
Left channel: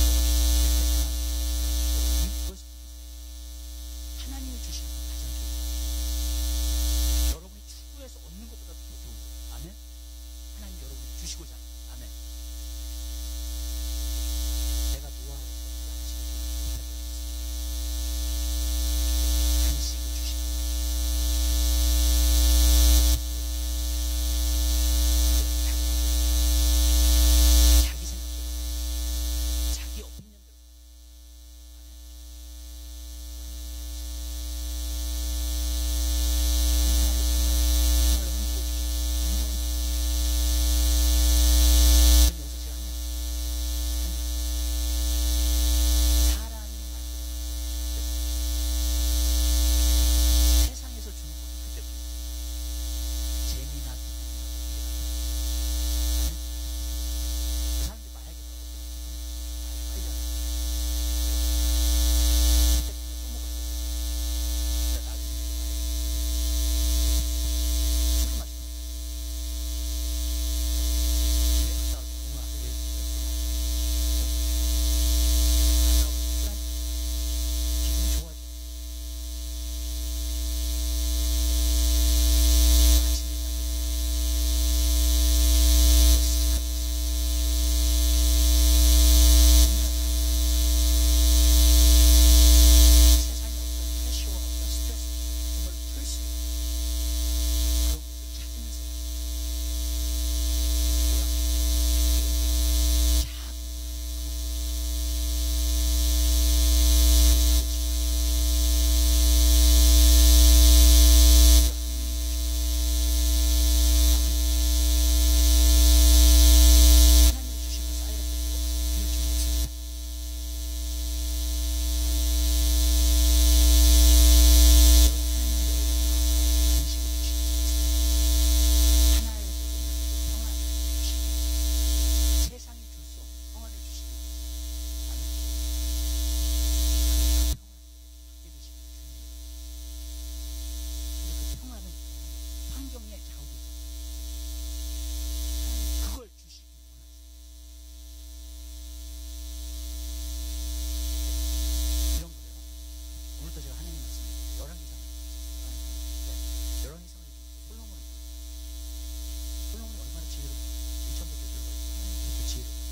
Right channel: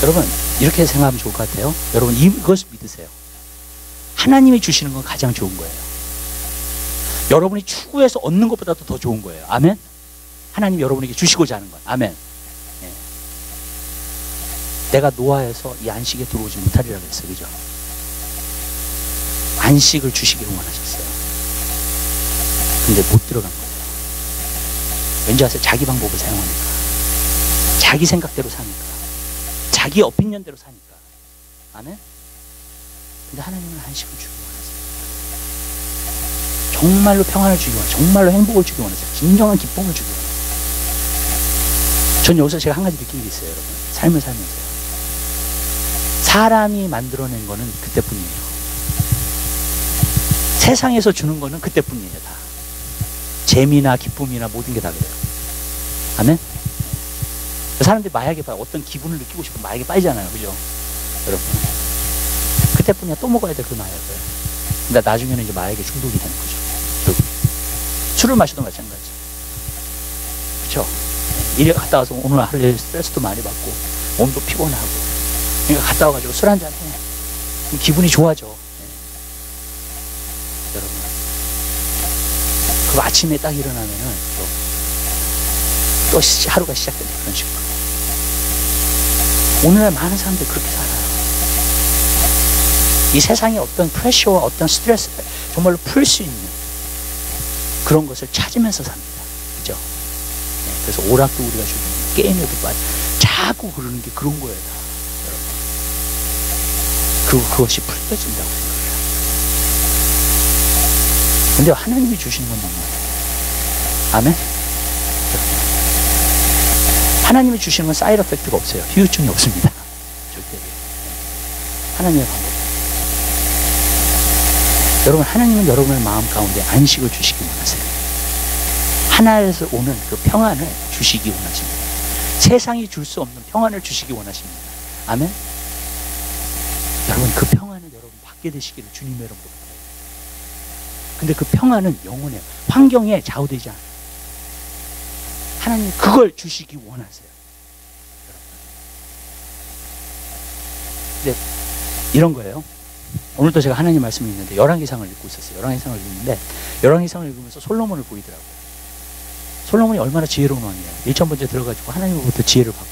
여러분, 이렇게 생각하면 좋을 것 같아요. 여러분, 이것을 믿으세요. 하나님이 주시는 건 가장 좋은 거예요. 여러분이 추구해서 얻는 것보다도 더 좋은 거예요. 아멘? 하나님이 여러분에게 주시고자 하는 것. 아멘. 네. 내가 노하여서 이 안식에 들어오지 못하리라 그랬어요. 그죠? 안식을 주시기를 원하셨어요. 근데 못 들어간 거예요. 왠지 아세요? 자기 방법을 사용하니까. 자기 생각대로 사니까. 자기 오피니언대로 사니까. 아멘? 근데 하나님은 안식을 주기 원하세요. 정말로 평안을 주기 원하세요. 정말로 행복을 주기 원하세요. 진정한 기쁨을 주기 원하세요. 전 여기서 제가 한 가지 느낀 게 있어요, 여러분. 삶을 살면서요. 사람이 만들어낸 거는 그때뿐이에요. 세상에서 주는 거는 그때뿐이에요, 다. 재미나 기쁨이나 모든 게 다 그래요. 아멘? 사람들이 마약에 빠져, 어떤 기분을 느끼고 싶으면 마약에 빠지잖아요. 그죠? 여러분. 그때뿐이야. 또 먹어야 돼, 그 마약을. 근데 나중에는 이제 마약에 중독이 되는 거죠. 결국. 술을 마셔도 마찬가지. 그쵸? 일에 갔다 와서 오늘 할 일 스트레스도 많이 받고, 몸도 피곤하고. 그러니까 갔다 와가지고 술 한잔 해. 기분이 좋아져. 네. 여러분. 그 아침에 딱 일어나면은 또 하루가 시작되는 그런 식으로. 오늘날 많은 사람들이 그렇게 살아요. 이 세상에 어떤 프레셔와 어떤 스트레스를 정말로 풀 수 있는 그런 것을 찾으면서 삽니다. 그죠? 네, 그래서 오락도 우리가 주고 게임에도 빠져. 자꾸 그러는 게 그런 거예요, 다. 여러분. 그것이 풀려진다고 생각해요. 근데 하나님이 주시는 건 너무해요. 아멘? 하나님이 주시는 건 사이드 이펙트가 없어요. 후유증이 없습니다. 절대. 하나님의 방법. 여러분, 하나님은 여러분의 마음 가운데 안식을 주시기 원하세요. 하나에서 오는 그 평안을 주시기 원하십니다. 세상이 줄 수 없는 평안을 주시기 원하십니다. 아멘? 여러분, 그 평안을 여러분 받게 되시기를 주님의 이름으로 부탁드려요. 근데 그 평안은 영원해요. 환경에 좌우되지 않아요. 하나님 그걸 주시기 원하세요. 근데 이런 거예요. 오늘도 제가 하나님 말씀을 읽는데 열왕기상을 읽고 있었어요. 열왕기상을 읽는데 열왕기상을 읽으면서 솔로몬을 보이더라고요. 솔로몬이 얼마나 지혜로운 왕이에요. 일천번째 들어가지고 하나님으로부터 지혜를 받고,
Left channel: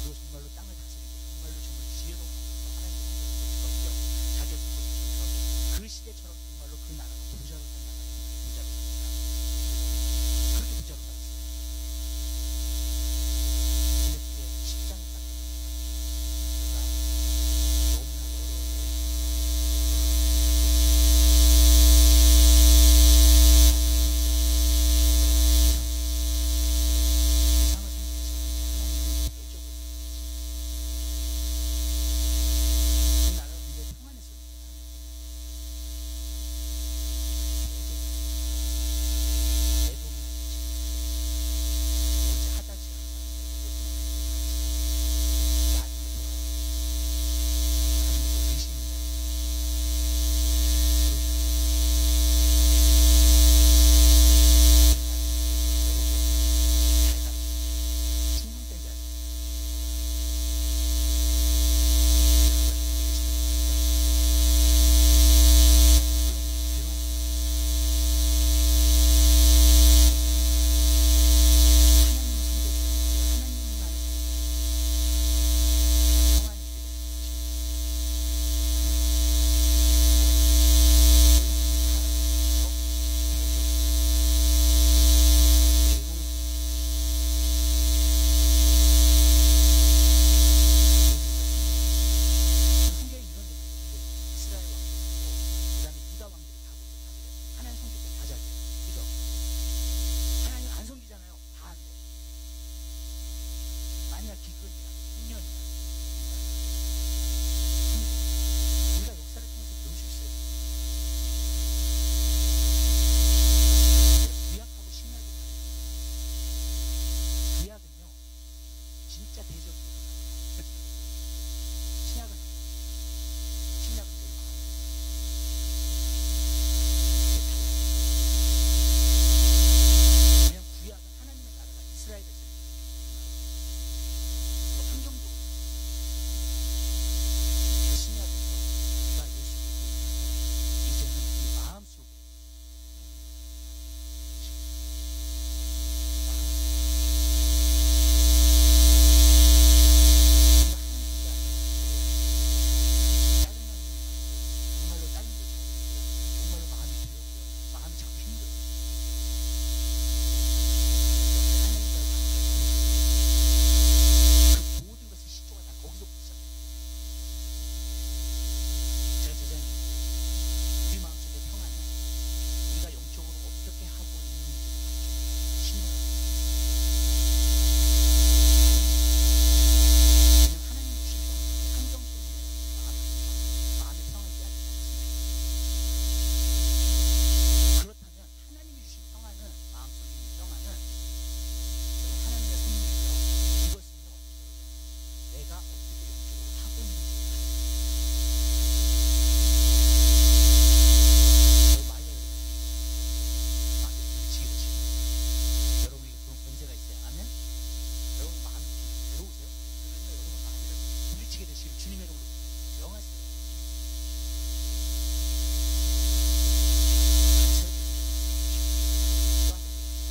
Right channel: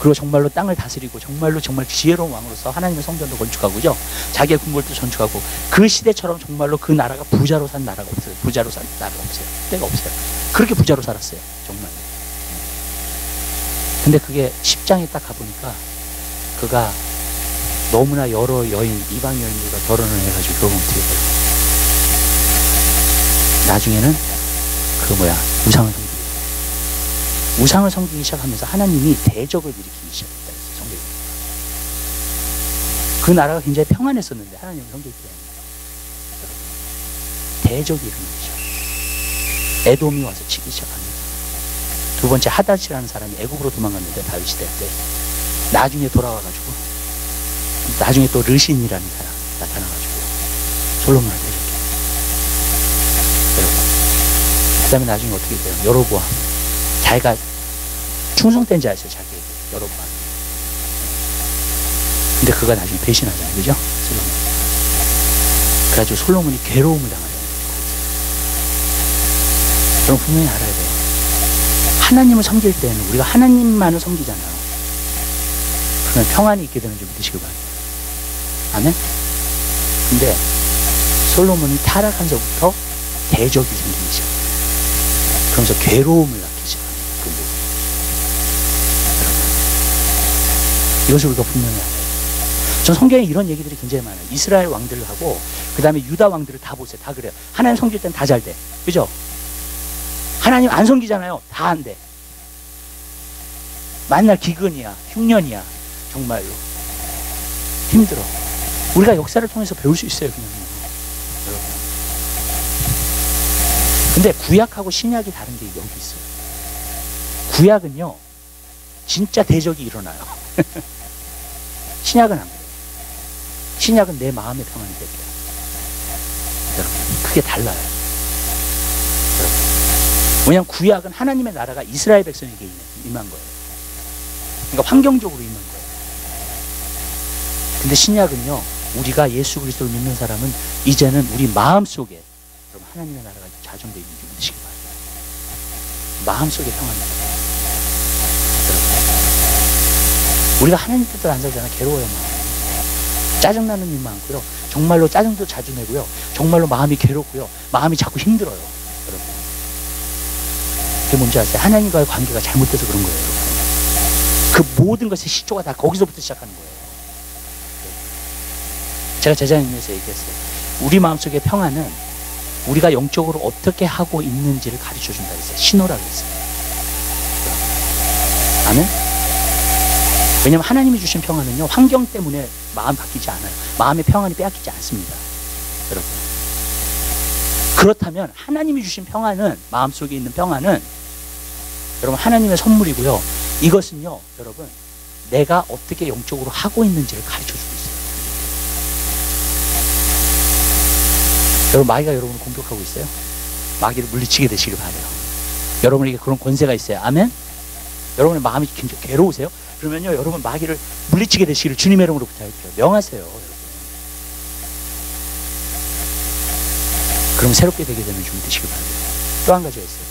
그리고 정말로 땅을 다스리고 정말 지혜로운 왕으로서 하나님의 성전도 건축하고죠. 자기의 궁궐도 건축하고, 그 시대처럼 정말로 그 나라가 부자로 산 나라가 없어요. 부자로 산 나라가 없어요. 때가 없어요. 그렇게 부자로 살았어요. 정말. 근데 그게 10장에 딱 가보니까 그가 너무나 여러 여인, 이방 여인들과 결혼을 해가지고 결국 어떻게 돼요? 나중에는 그 우상을 섬기게 돼요. 우상을 섬기기 시작하면서 하나님이 대적을 일으키기 시작했다 그랬어요. 성경에. 그 나라가 굉장히 평안했었는데 하나님을 섬기기 때문에 대적이 일어나죠. 에돔이 와서 치기 시작합니다. 두 번째 하닷이라는 사람이 애굽으로 도망갔는데 다윗 시대 때 나중에 돌아와가지고 나중에 또 르신이라는 사람 나타나가지고 솔로몬을 대적해요. 여러분, 그 다음에 나중에 어떻게 돼요? 여로보암, 자기가 충성된 자였어요. 자기에게 여로보암. 근데 그가 나중에 배신하잖아요, 그죠? 솔로몬. 그래가지고 솔로몬이 괴로움을 당하잖아요. 여러분 분명히 알아야 돼요. 하나님을 섬길 때는 우리가 하나님만을 섬기잖아요. 그러면 평안이 있게 되는 줄 믿으시길 바랍니다. 아멘? 근데 솔로몬이 타락한서부터 대적이 생기기 시작해요. 그러면서 괴로움을 낳기 시작합니다. 그 모습. 이것을 우리가 분명히 알아야 돼요. 전 성경에 이런 얘기들이 굉장히 많아요. 이스라엘 왕들을 하고 그 다음에 유다 왕들을 다 보세요. 다 그래요. 하나님 섬길 땐 다 잘 돼. 그죠? 하나님 안 섬기잖아요. 다 안 돼. 만날 기근이야, 흉년이야. 정말로 힘들어. 우리가 역사를 통해서 배울 수 있어요, 그냥. 여러분. 근데 구약하고 신약이 다른 게 여기 있어요. 구약은요, 진짜 대적이 일어나요. 신약은 안 그래요. 신약은 내 마음의 평안이 될게요. 여러분, 그게 달라요. 여러분. 왜냐하면 구약은 하나님의 나라가 이스라엘 백성에게 임한 거예요. 그러니까 환경적으로 임한 거예요. 근데 신약은요, 우리가 예수 그리스도를 믿는 사람은 이제는 우리 마음속에 여러분 하나님의 나라가 자정되어 있는 줄 믿으시기 바랍니다. 마음속에 평안이 있어요. 우리가 하나님 뜻대로 안 살잖아요. 괴로워요. 마음. 짜증나는 일 많고요. 정말로 짜증도 자주 내고요. 정말로 마음이 괴롭고요. 마음이 자꾸 힘들어요. 여러분. 그게 뭔지 아세요? 하나님과의 관계가 잘못돼서 그런 거예요. 여러분. 그 모든 것의 시초가 다 거기서부터 시작하는 거예요. 제가 제자님에서 얘기했어요. 우리 마음속의 평안은 우리가 영적으로 어떻게 하고 있는지를 가르쳐 준다 그랬어요. 신호라고 했어요. 아멘? 왜냐하면 하나님이 주신 평안은요, 환경 때문에 마음 바뀌지 않아요. 마음의 평안이 빼앗기지 않습니다. 여러분. 그렇다면 하나님이 주신 평안은, 마음속에 있는 평안은 여러분 하나님의 선물이고요. 이것은요, 여러분, 내가 어떻게 영적으로 하고 있는지를 가르쳐 주고 있어요. 여러분, 마귀가 여러분을 공격하고 있어요. 마귀를 물리치게 되시길 바라요. 여러분에게 그런 권세가 있어요. 아멘? 여러분의 마음이 굉장히 괴로우세요? 그러면요, 여러분 마귀를 물리치게 되시기를 주님의 이름으로 부탁드려요. 명하세요, 여러분. 그럼 새롭게 되게 되는 줄 믿으시길 바라요. 또 한 가지가 있어요.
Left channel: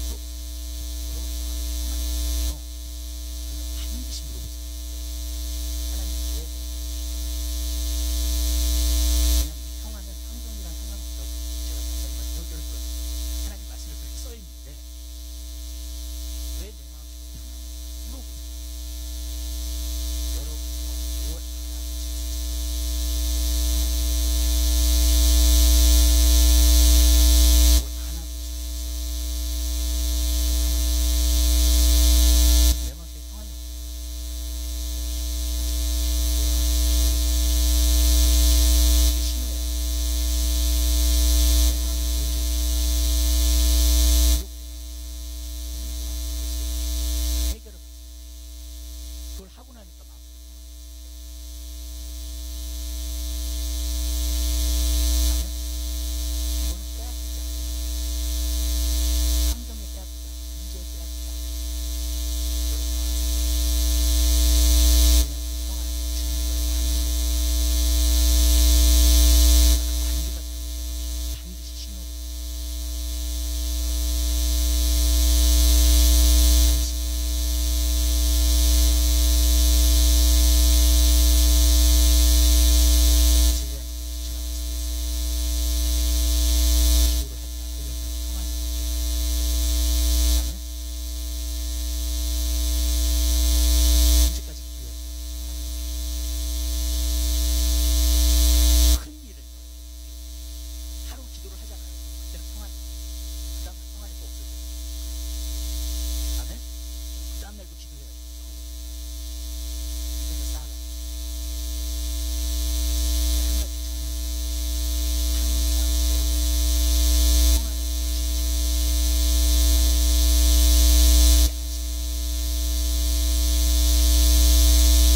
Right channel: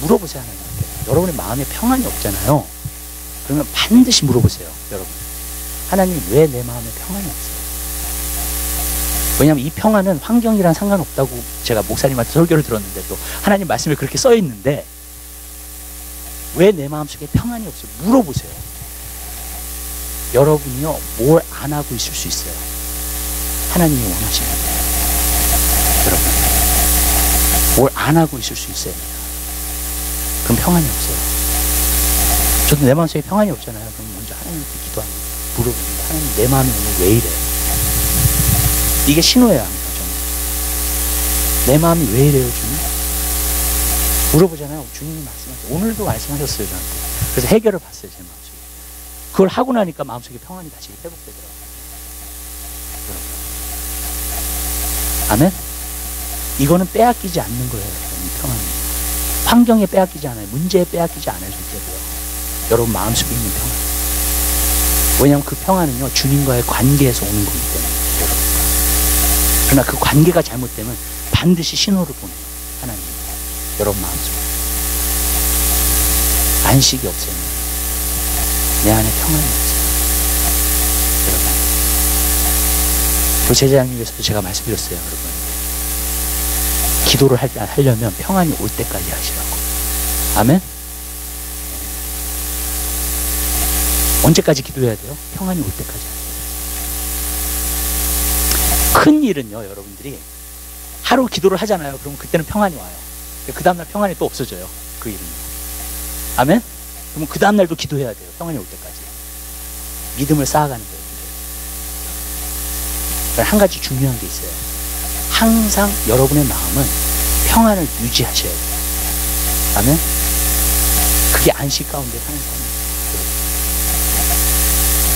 물어보세요, 하나님한테. 여러분의 마음에 평안이 없잖아요. 그러면 반드시 물어보세요, 여러분. 하나님, 왜 내 마음에 평안이 없어요? 왜냐하면 이 평안은 환경이랑 상관없다고 제가 목사님한테 설교를 들었는데 또 하나님 말씀에 그렇게 써 있는데 왜 내 마음속에 평안이 없어요? 물어보세요. 여러분이요, 뭘 안 하고 있을 수 있어요. 하나님이 원하시는 거예요. 여러분, 뭘 안 하고 있을 수 있어요. 그럼 평안이 없어요. 저도 내 마음속에 평안이 없잖아요. 그럼 먼저 하나님께 기도하고 물어봅니다. 하나님, 내 마음이 오늘 왜 이래? 이게 신호예요, 합니다, 저는. 내 마음이 왜 이래요, 주님? 물어보잖아요. 주님이 말씀하셨어요. 오늘도 말씀하셨어요, 저한테. 그래서 해결을 봤어요, 제 마음속에. 그걸 하고 나니까 마음속에 평안이 다시 회복되더라고요. 여러분. 아멘? 이거는 빼앗기지 않는 거예요, 여러분, 이 평안은. 환경에 빼앗기지 않아요. 문제에 빼앗기지 않아요, 절대로요. 여러분 마음속에 있는 평안. 왜냐하면 그 평안은요, 주님과의 관계에서 오는 거기 때문에. 여러분. 그러나 그 관계가 잘못되면 반드시 신호를 보내요, 하나님. 여러분 마음속에. 안식이 없어요. 내 안에 평안이 없어요. 여러분. 그 제자님께서도 제가 말씀드렸어요, 여러분. 기도를 하려면 평안이 올 때까지 하시라고. 아멘? 언제까지 기도해야 돼요? 평안이 올 때까지. 큰 일은요, 여러분들이 하루 기도를 하잖아요. 그러면 그때는 평안이 와요. 그 다음날 평안이 또 없어져요. 그 일은요. 아멘? 그러면 그 다음날도 기도해야 돼요. 평안이 올 때까지. 믿음을 쌓아가는 거예요. 한 가지 중요한 게 있어요. 항상 여러분의 마음은 평안을 유지하셔야 돼요. 아멘? 그게 안식 가운데 사는 삶이에요.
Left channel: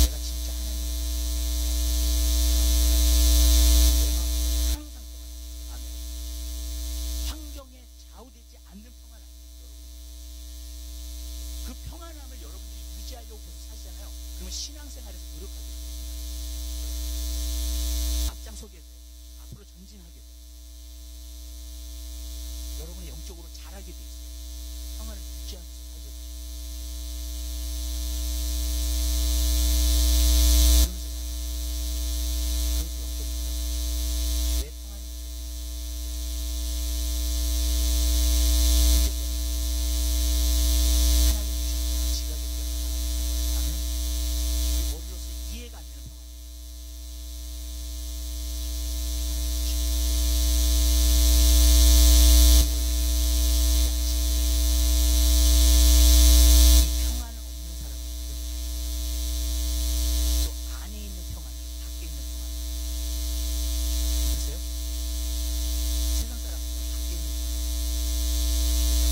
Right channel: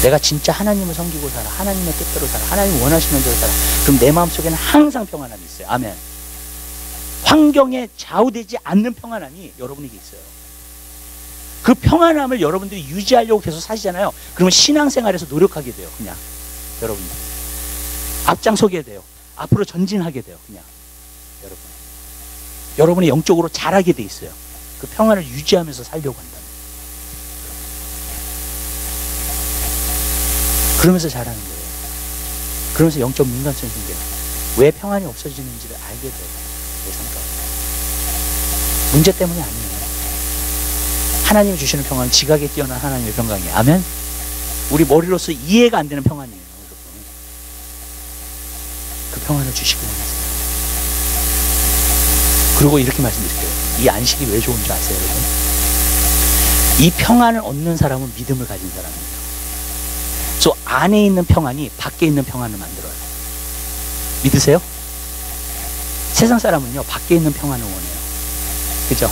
내가 진짜 하나님을 섬기고 살아. 하나님의 뜻대로 살아. 하나님 원하시는 대로 살아. 그럼 내 마음속에는 항상 평안함이 있어요. 아멘. 환경에 좌우되지 않는 평안함이 여러분에게 있어요. 그 평안함을 여러분들이 유지하려고 계속 사시잖아요. 그러면 신앙생활에서 노력하게 돼요. 그냥 여러분들 앞장서게 돼요. 앞으로 전진하게 돼요. 그냥 여러분의 영적으로 자라게 돼 있어요. 그 평안을 유지하면서 살려고 한다. 그러면서 자라는 거예요. 그러면서 영적 민감성이 생겨요. 왜 평안이 없어지는지를 알게 돼요. 내 삶 가운데. 문제 때문이 아니에요. 하나님이 주시는 평안은 지각에 뛰어난 하나님의 평강이에요. 아멘? 우리 머리로서 이해가 안 되는 평안이에요. 여러분. 그 평안을 주시기 원하세요. 그리고 이렇게 말씀드릴게요. 이 안식이 왜 좋은 줄 아세요, 여러분? 이 평안을 얻는 사람은 믿음을 가진 사람이에요. 저 안에 있는 평안이 밖에 있는 평안을 만들어요. 믿으세요? 세상 사람은요, 밖에 있는 평안을 원해요. 그죠?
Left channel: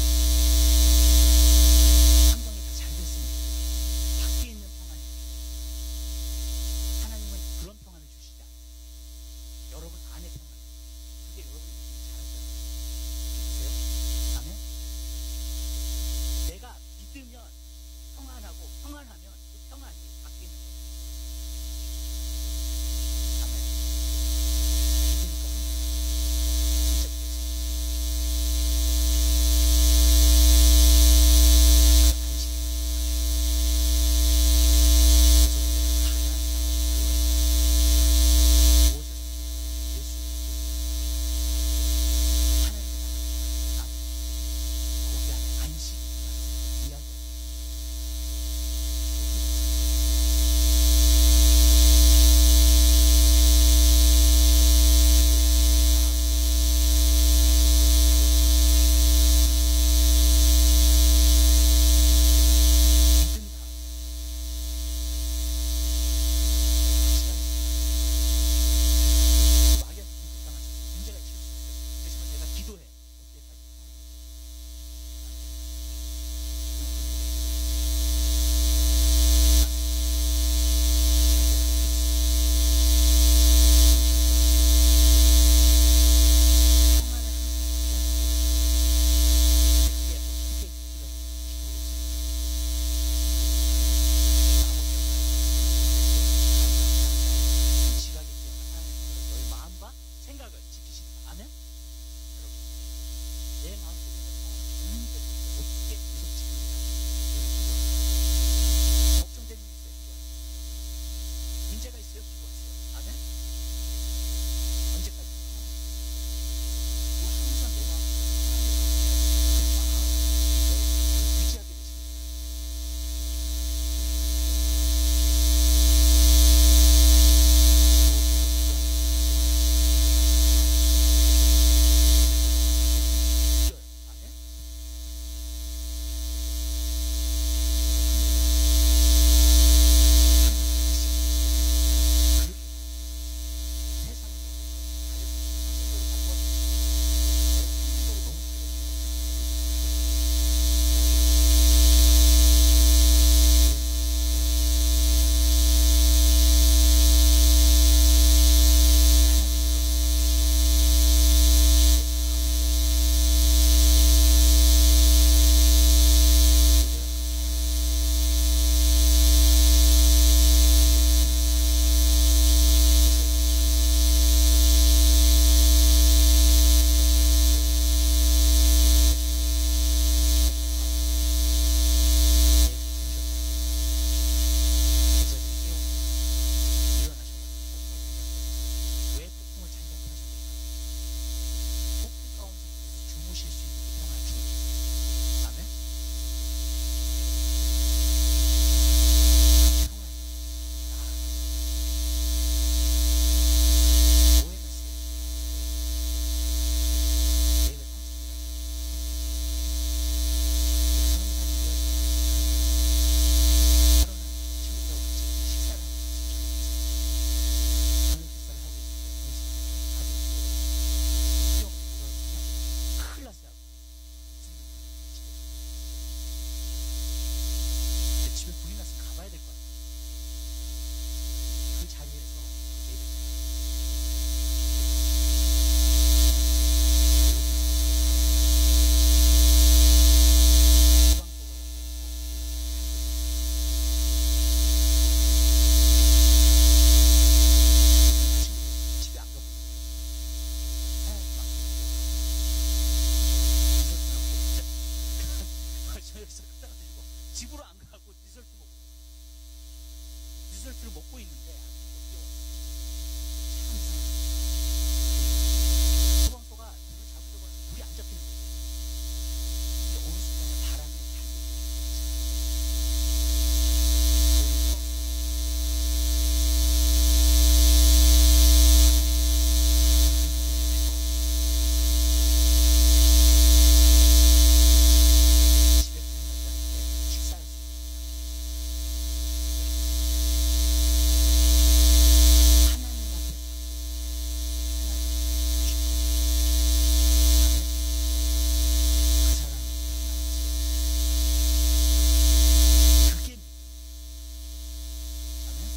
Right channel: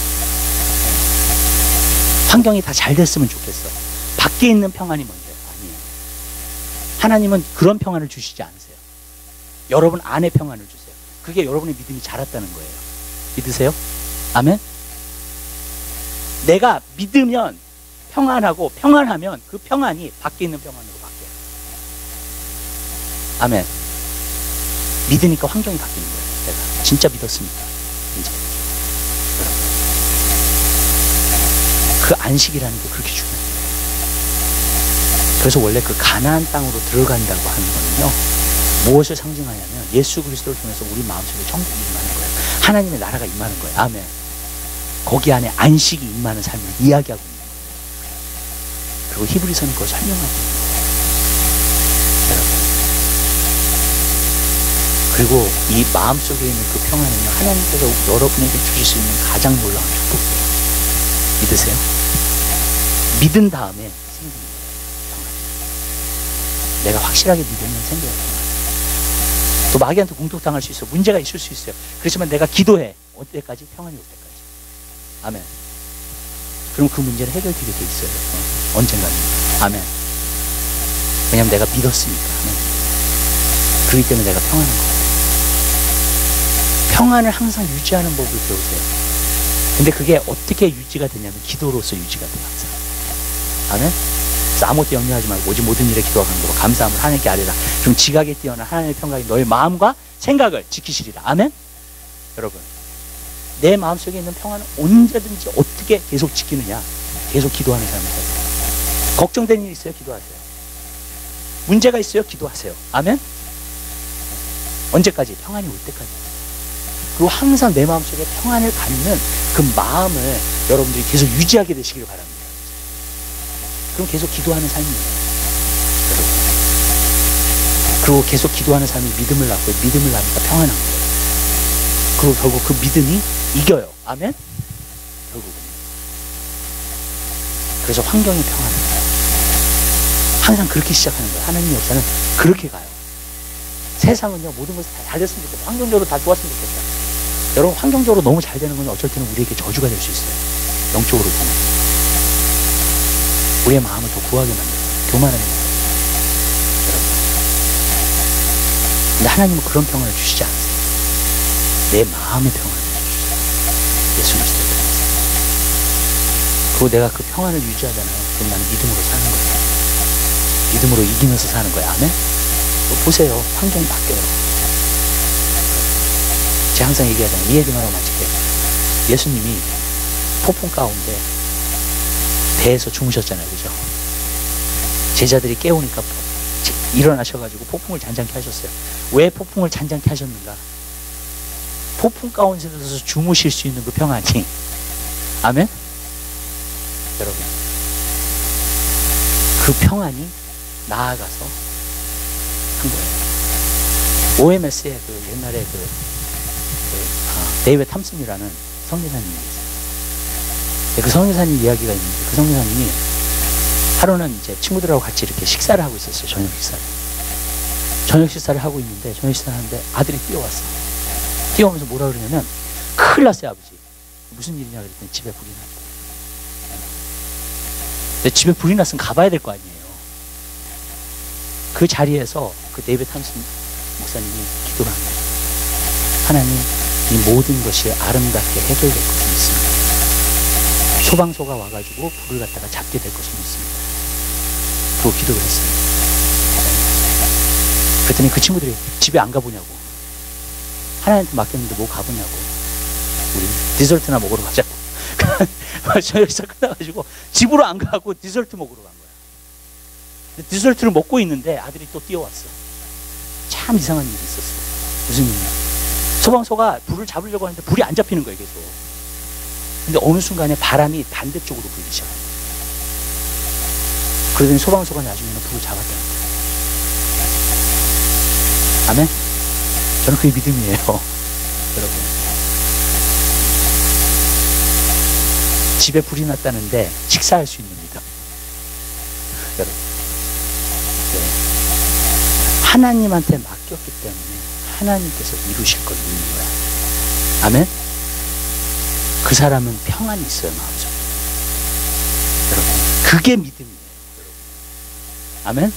환경이 다 잘 됐으면 좋겠어. 밖에 있는 평안이 먼저예요. 아니에요. 하나님은 그런 평안을 주시지 않으세요. 여러분 안에 평안을 주세요. 그게 여러분의 믿음이 자랐다는 거예요. 믿으세요? 아멘? 내가 믿으면 평안하고 평안하면 그 평안이 밖에 있는 평안으로 바뀌어요. 아멘. 믿으니까 환경이 바뀌는 거예요. 내가 진짜 믿었으니까. 이제 여러분, 그 안식이라는 게 그렇게 중요해요. 그래서 원래 그 가나안 땅으로 들어간다고 하는 거는요, 무엇을 상징하냐면 예수 그리스도를 통해서 우리 마음속에 천국이 임하는 거예요. 하나님의 나라가 임하는 거예요. 아멘. 거기 안에 안식이 임하는 삶을 이야기하고 있는 거예요. 그리고 히브리서는 그걸 설명하고 있는 거예요. 여러분. 그리고 이 마음속에 있는 그 평안은요, 하나님께서 여러분에게 주실 수 있는 가장 놀라운 축복이에요. 믿으세요? 믿은 다음에 생기는 거예요. 평안. 내가 확실하게 믿으면 생겨요. 평안. 또 마귀한테 공격당할 수 있어. 문제가 있을 수 있어요. 그렇지만 내가 기도해. 올 때까지? 평안이 올 때까지. 아멘. 그럼 그 문제는 해결되게 돼 있어요. 언젠가는. 아멘. 왜냐하면 내가 믿었으니까. 아멘. 그렇기 때문에 내가 평안한 거예요. 평안을 항상 유지하는 법을 배우세요. 근데 그게 어떻게 유지가 되냐면 기도로서 유지가 돼요. 항상. 아멘. 그래서 아무것도 염려하지 말고 오직 모든 일에 기도와 간구로 감사함을 하나님께 아뢰라. 그럼 지각에 뛰어난 하나님의 평강이 너의 마음과 생각을 지키시리라. 아멘. 여러분, 내 마음속에 있는 평안은 언제든지 어떻게 계속 지키느냐. 계속 기도하는 삶을 살아요. 걱정되는 일 있어요? 기도하세요. 문제가 있어요? 기도하세요. 아멘. 언제까지? 평안이 올 때까지. 그리고 항상 내 마음속에 평안을 갖는 그 마음을 여러분들이 계속 유지하게 되시길 바랍니다. 그럼 계속 기도하는 삶이에요. 여러분. 그리고 계속 기도하는 삶이 믿음을 낳고 믿음을 낳으니까 평안한 거예요. 그리고 결국 그 믿음이 이겨요. 아멘? 결국은. 그래서 환경이 평안한 거예요. 항상 그렇게 시작하는 거예요. 하나님의 역사는 그렇게 가요. 세상은요, 모든 것이 다 잘 됐으면 좋겠다. 환경적으로 다 좋았으면 좋겠다. 여러분, 환경적으로 너무 잘 되는 건 어쩔 때는 우리에게 저주가 될 수 있어요. 영적으로 보면. 우리의 마음을 더 구하게 만들어요. 교만하게 만들어요. 여러분. 근데 하나님은 그런 평안을 주시지 않으세요. 내 마음의 평안을 주셔요. 예수 그리스도를 통해서. 그리고 내가 그 평안을 유지하잖아요. 그럼 나는 믿음으로 사는 거예요. 믿음으로 이기면서 사는 거예요. 아멘? 또 보세요. 환경이 바뀌어요. 제가 항상 얘기하잖아요. 이 얘기만 하고 마칠게요. 예수님이 폭풍 가운데 배에서 주무셨잖아요. 그죠? 제자들이 깨우니까 일어나셔가지고 폭풍을 잔잔케 하셨어요. 왜 폭풍을 잔잔케 하셨는가? 폭풍 가운데서 주무실 수 있는 그 평안이. 아멘? 여러분, 그 평안이 나아가서 한 거예요. OMS의 그 옛날에 데이비드 탐슨이라는 성대사님이 있어요. 그 성교사님 이야기가 있는데, 그 성교사님이 하루는 이제 친구들하고 같이 이렇게 식사를 하고 있었어요. 저녁 식사를 하고 있는데, 저녁 식사를 하는데 아들이 뛰어왔어. 뛰어오면서 뭐라 그러냐면, 큰일 났어요, 아버지. 무슨 일이냐 그랬더니 집에 불이 났대. 근데 집에 불이 났으면 가봐야 될 거 아니에요. 그 자리에서 그 데이비드 탐슨 목사님이 기도를 한 거예요. 하나님, 이 모든 것이 아름답게 해결될 것을 믿습니다. 소방서가 와가지고 불을 갖다가 잡게 될 것을 믿습니다. 그리고 기도를 했어요. 그랬더니 그 친구들이 집에 안 가보냐고. 하나님한테 맡겼는데 뭐 가보냐고. 우리 디저트나 먹으러 가자고. 저녁에서 끝나가지고 집으로 안 가고 디저트 먹으러 간 거야. 근데 디저트를 먹고 있는데 아들이 또 뛰어왔어. 참 이상한 일이 있었어. 무슨 일이냐. 소방서가 불을 잡으려고 하는데 불이 안 잡히는 거예요, 계속. 근데 어느 순간에 바람이 반대쪽으로 불기 시작한 거예요. 그러더니 소방서가 나중에는 불을 잡았다는 거예요. 아멘? 저는 그게 믿음이에요. 여러분. 집에 불이 났다는데 식사할 수 있는 믿음. 여러분. 네. 하나님한테 맡겼기 때문에 하나님께서 이루실 걸 믿는 거야. 아멘? 그 사람은 평안이 있어요, 마음속에. 여러분, 그게 믿음이에요. 여러분. 아멘?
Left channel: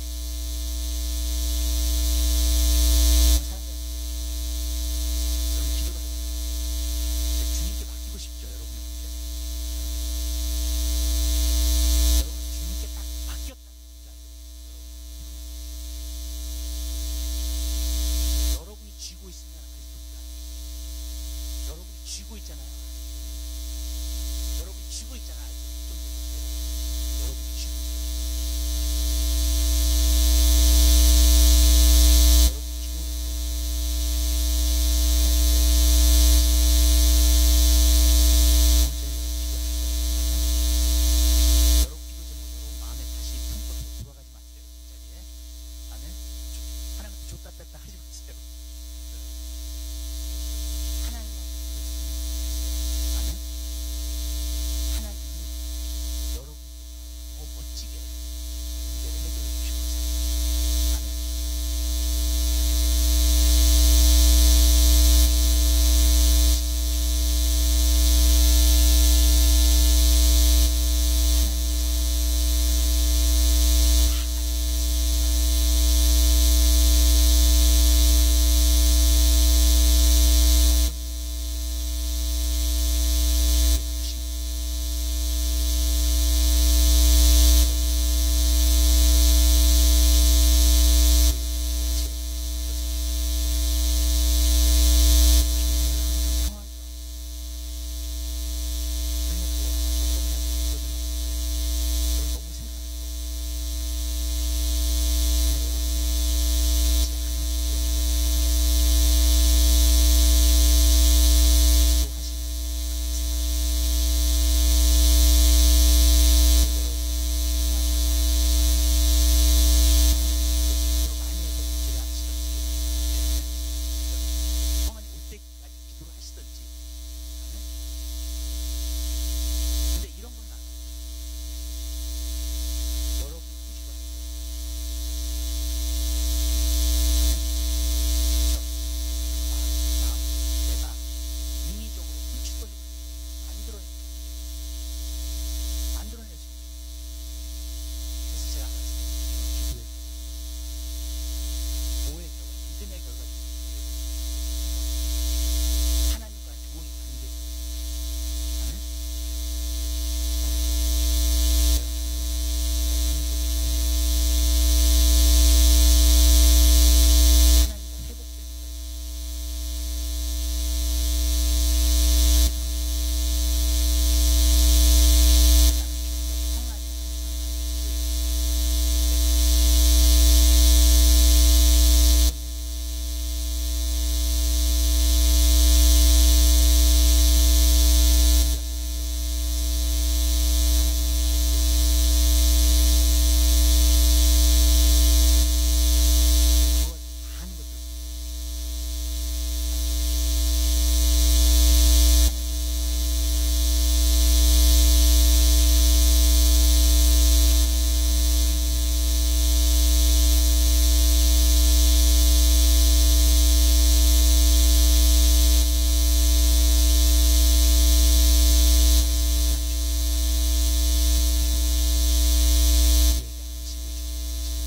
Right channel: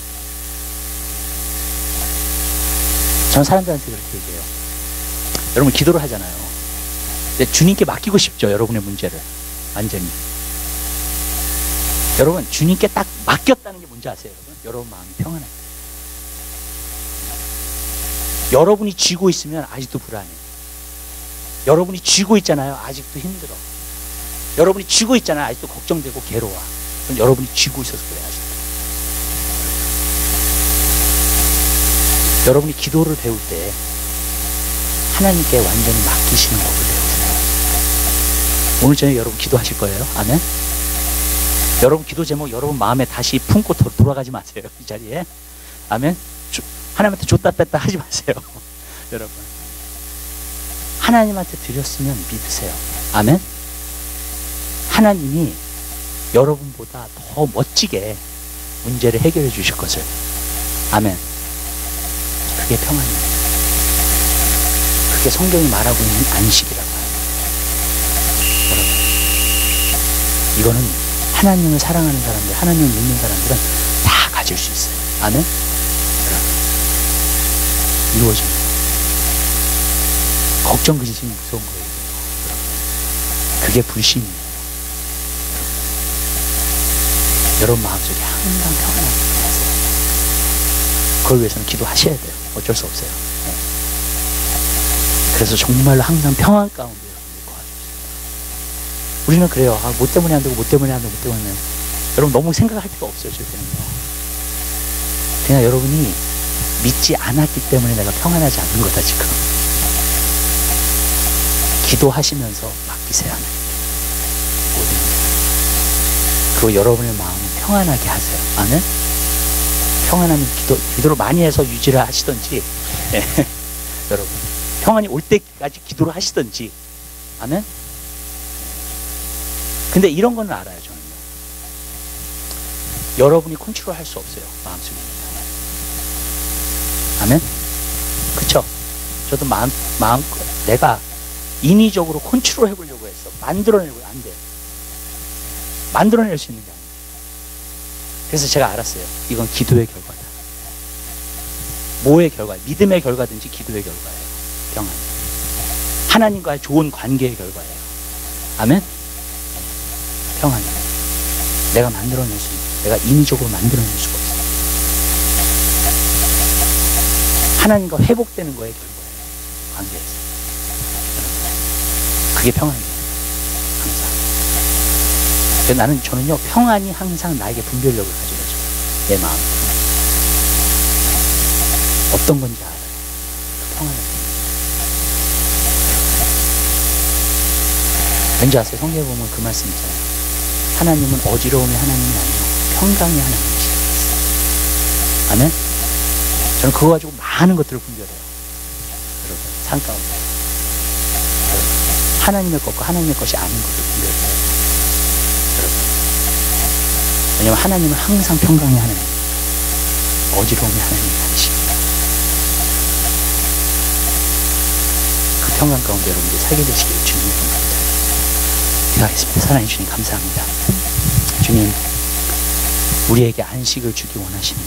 전 사람들한테 그렇게 얘기해요. 여러분, 기도를 하잖아요. 근데 주님께 맡기고 싶죠, 여러분의 문제를. 완전히. 여러분, 주님께 딱 맡겼다는 게 뭔지 아세요, 여러분? 여러분 마음이 평안할 때. 여러분이 쥐고 있으면 아직도 불안해. 여러분이 쥐고 있잖아요. 아직도 힘들어. 여러분이 쥐고 있잖아요. 아직도 걱정되고 괴로워. 그럼 여러분이 쥐고 있어서 그래, 아직도. 여러분이 기도를 배울 때 하나님께 완전히 맡기시는 법을 배우세요. 오늘 저녁에 여러분 기도하실 거예요. 아멘? 여러분 기도 제목 여러분 마음에 다시 품고 돌아가지 마세요. 이 자리에. 아멘? 하나님한테 줬다 뺐다 하지 마세요. 여러분. 하나님한테 드렸으면 믿으세요. 아멘? 하나님이 여러분보다 더 멋지게 문제를 해결해 주실 것을. 아멘. 그게 평안이에요. 그게 성경이 말하고 있는 안식이라고 합니다. 여러분. 이거는 하나님을 사랑하는 사람들, 하나님을 믿는 사람들은 다 가질 수 있어요. 아멘? 여러분. 이루어집니다. 걱정 근심이 무서운 거예요. 그게 불신이에요. 여러분 마음속에 항상 평안하게 하세요. 그걸 위해서는 기도하셔야 돼요. 어쩔 수 없어요. 네. 그래서 정말로 항상 평안 가운데 여러분들 거하십시오. 우리는 그래요. 아, 뭐 때문에 안 되고, 뭐 때문에 안 되고, 뭐 때문에 안 되고. 여러분 너무 생각할 필요 없어요. 저희는요. 그냥 여러분이 믿지 않았기 때문에 내가 평안하지 않는 거다 지금. 기도하시면서 맡기세요. 하나님께. 모든 일. 그리고 여러분의 마음을 평안하게 하세요. 아멘? 평안하면 기도를 많이 해서 유지를 하시든지, 예. 여러분. 평안이 올 때까지 기도를 하시든지, 아멘? 근데 이런 거는 알아요, 저는요. 여러분이 컨트롤 할 수 없어요. 마음속에 있는 평안. 아멘? 그쵸? 저도 내가 인위적으로 컨트롤 해보려고 했어. 만들어내려고 안 돼요. 만들어낼 수 있는 게 아니에요. 그래서 제가 알았어요. 이건 기도의 결과다. 뭐의 결과? 믿음의 결과든지 기도의 결과예요. 평안. 하나님과의 좋은 관계의 결과예요. 아멘? 평안. 내가 만들어낼 수 있는, 내가 인위적으로 만들어낼 수가 없어요. 하나님과 회복되는 거의 결과예요. 관계에서. 그게 평안이에요. 항상. 그래서 저는요, 평안이 항상 나에게 분별력을 가져다줘요. 내 마음 평안. 어떤 건지 알아요. 평안을. 왠지 아세요? 성경에 보면 그 말씀 있잖아요. 하나님은 어지러움의 하나님이 아니요 평강의 하나님이시라고 했어요. 아멘? 저는 그거 가지고 많은 것들을 분별해요. 여러분, 산 가운데. 하나님의 것과 하나님의 것이 아닌 것도 분별해요. 왜냐하면 하나님은 항상 평강의 하나님, 어지러움의 하나님이 아니십니다. 그 평강 가운데 여러분들 살게 되시기를 주님의 이름으로 기도하겠습니다. 기도하겠습니다. 사랑해 주님 감사합니다. 주님, 우리에게 안식을 주기 원하시는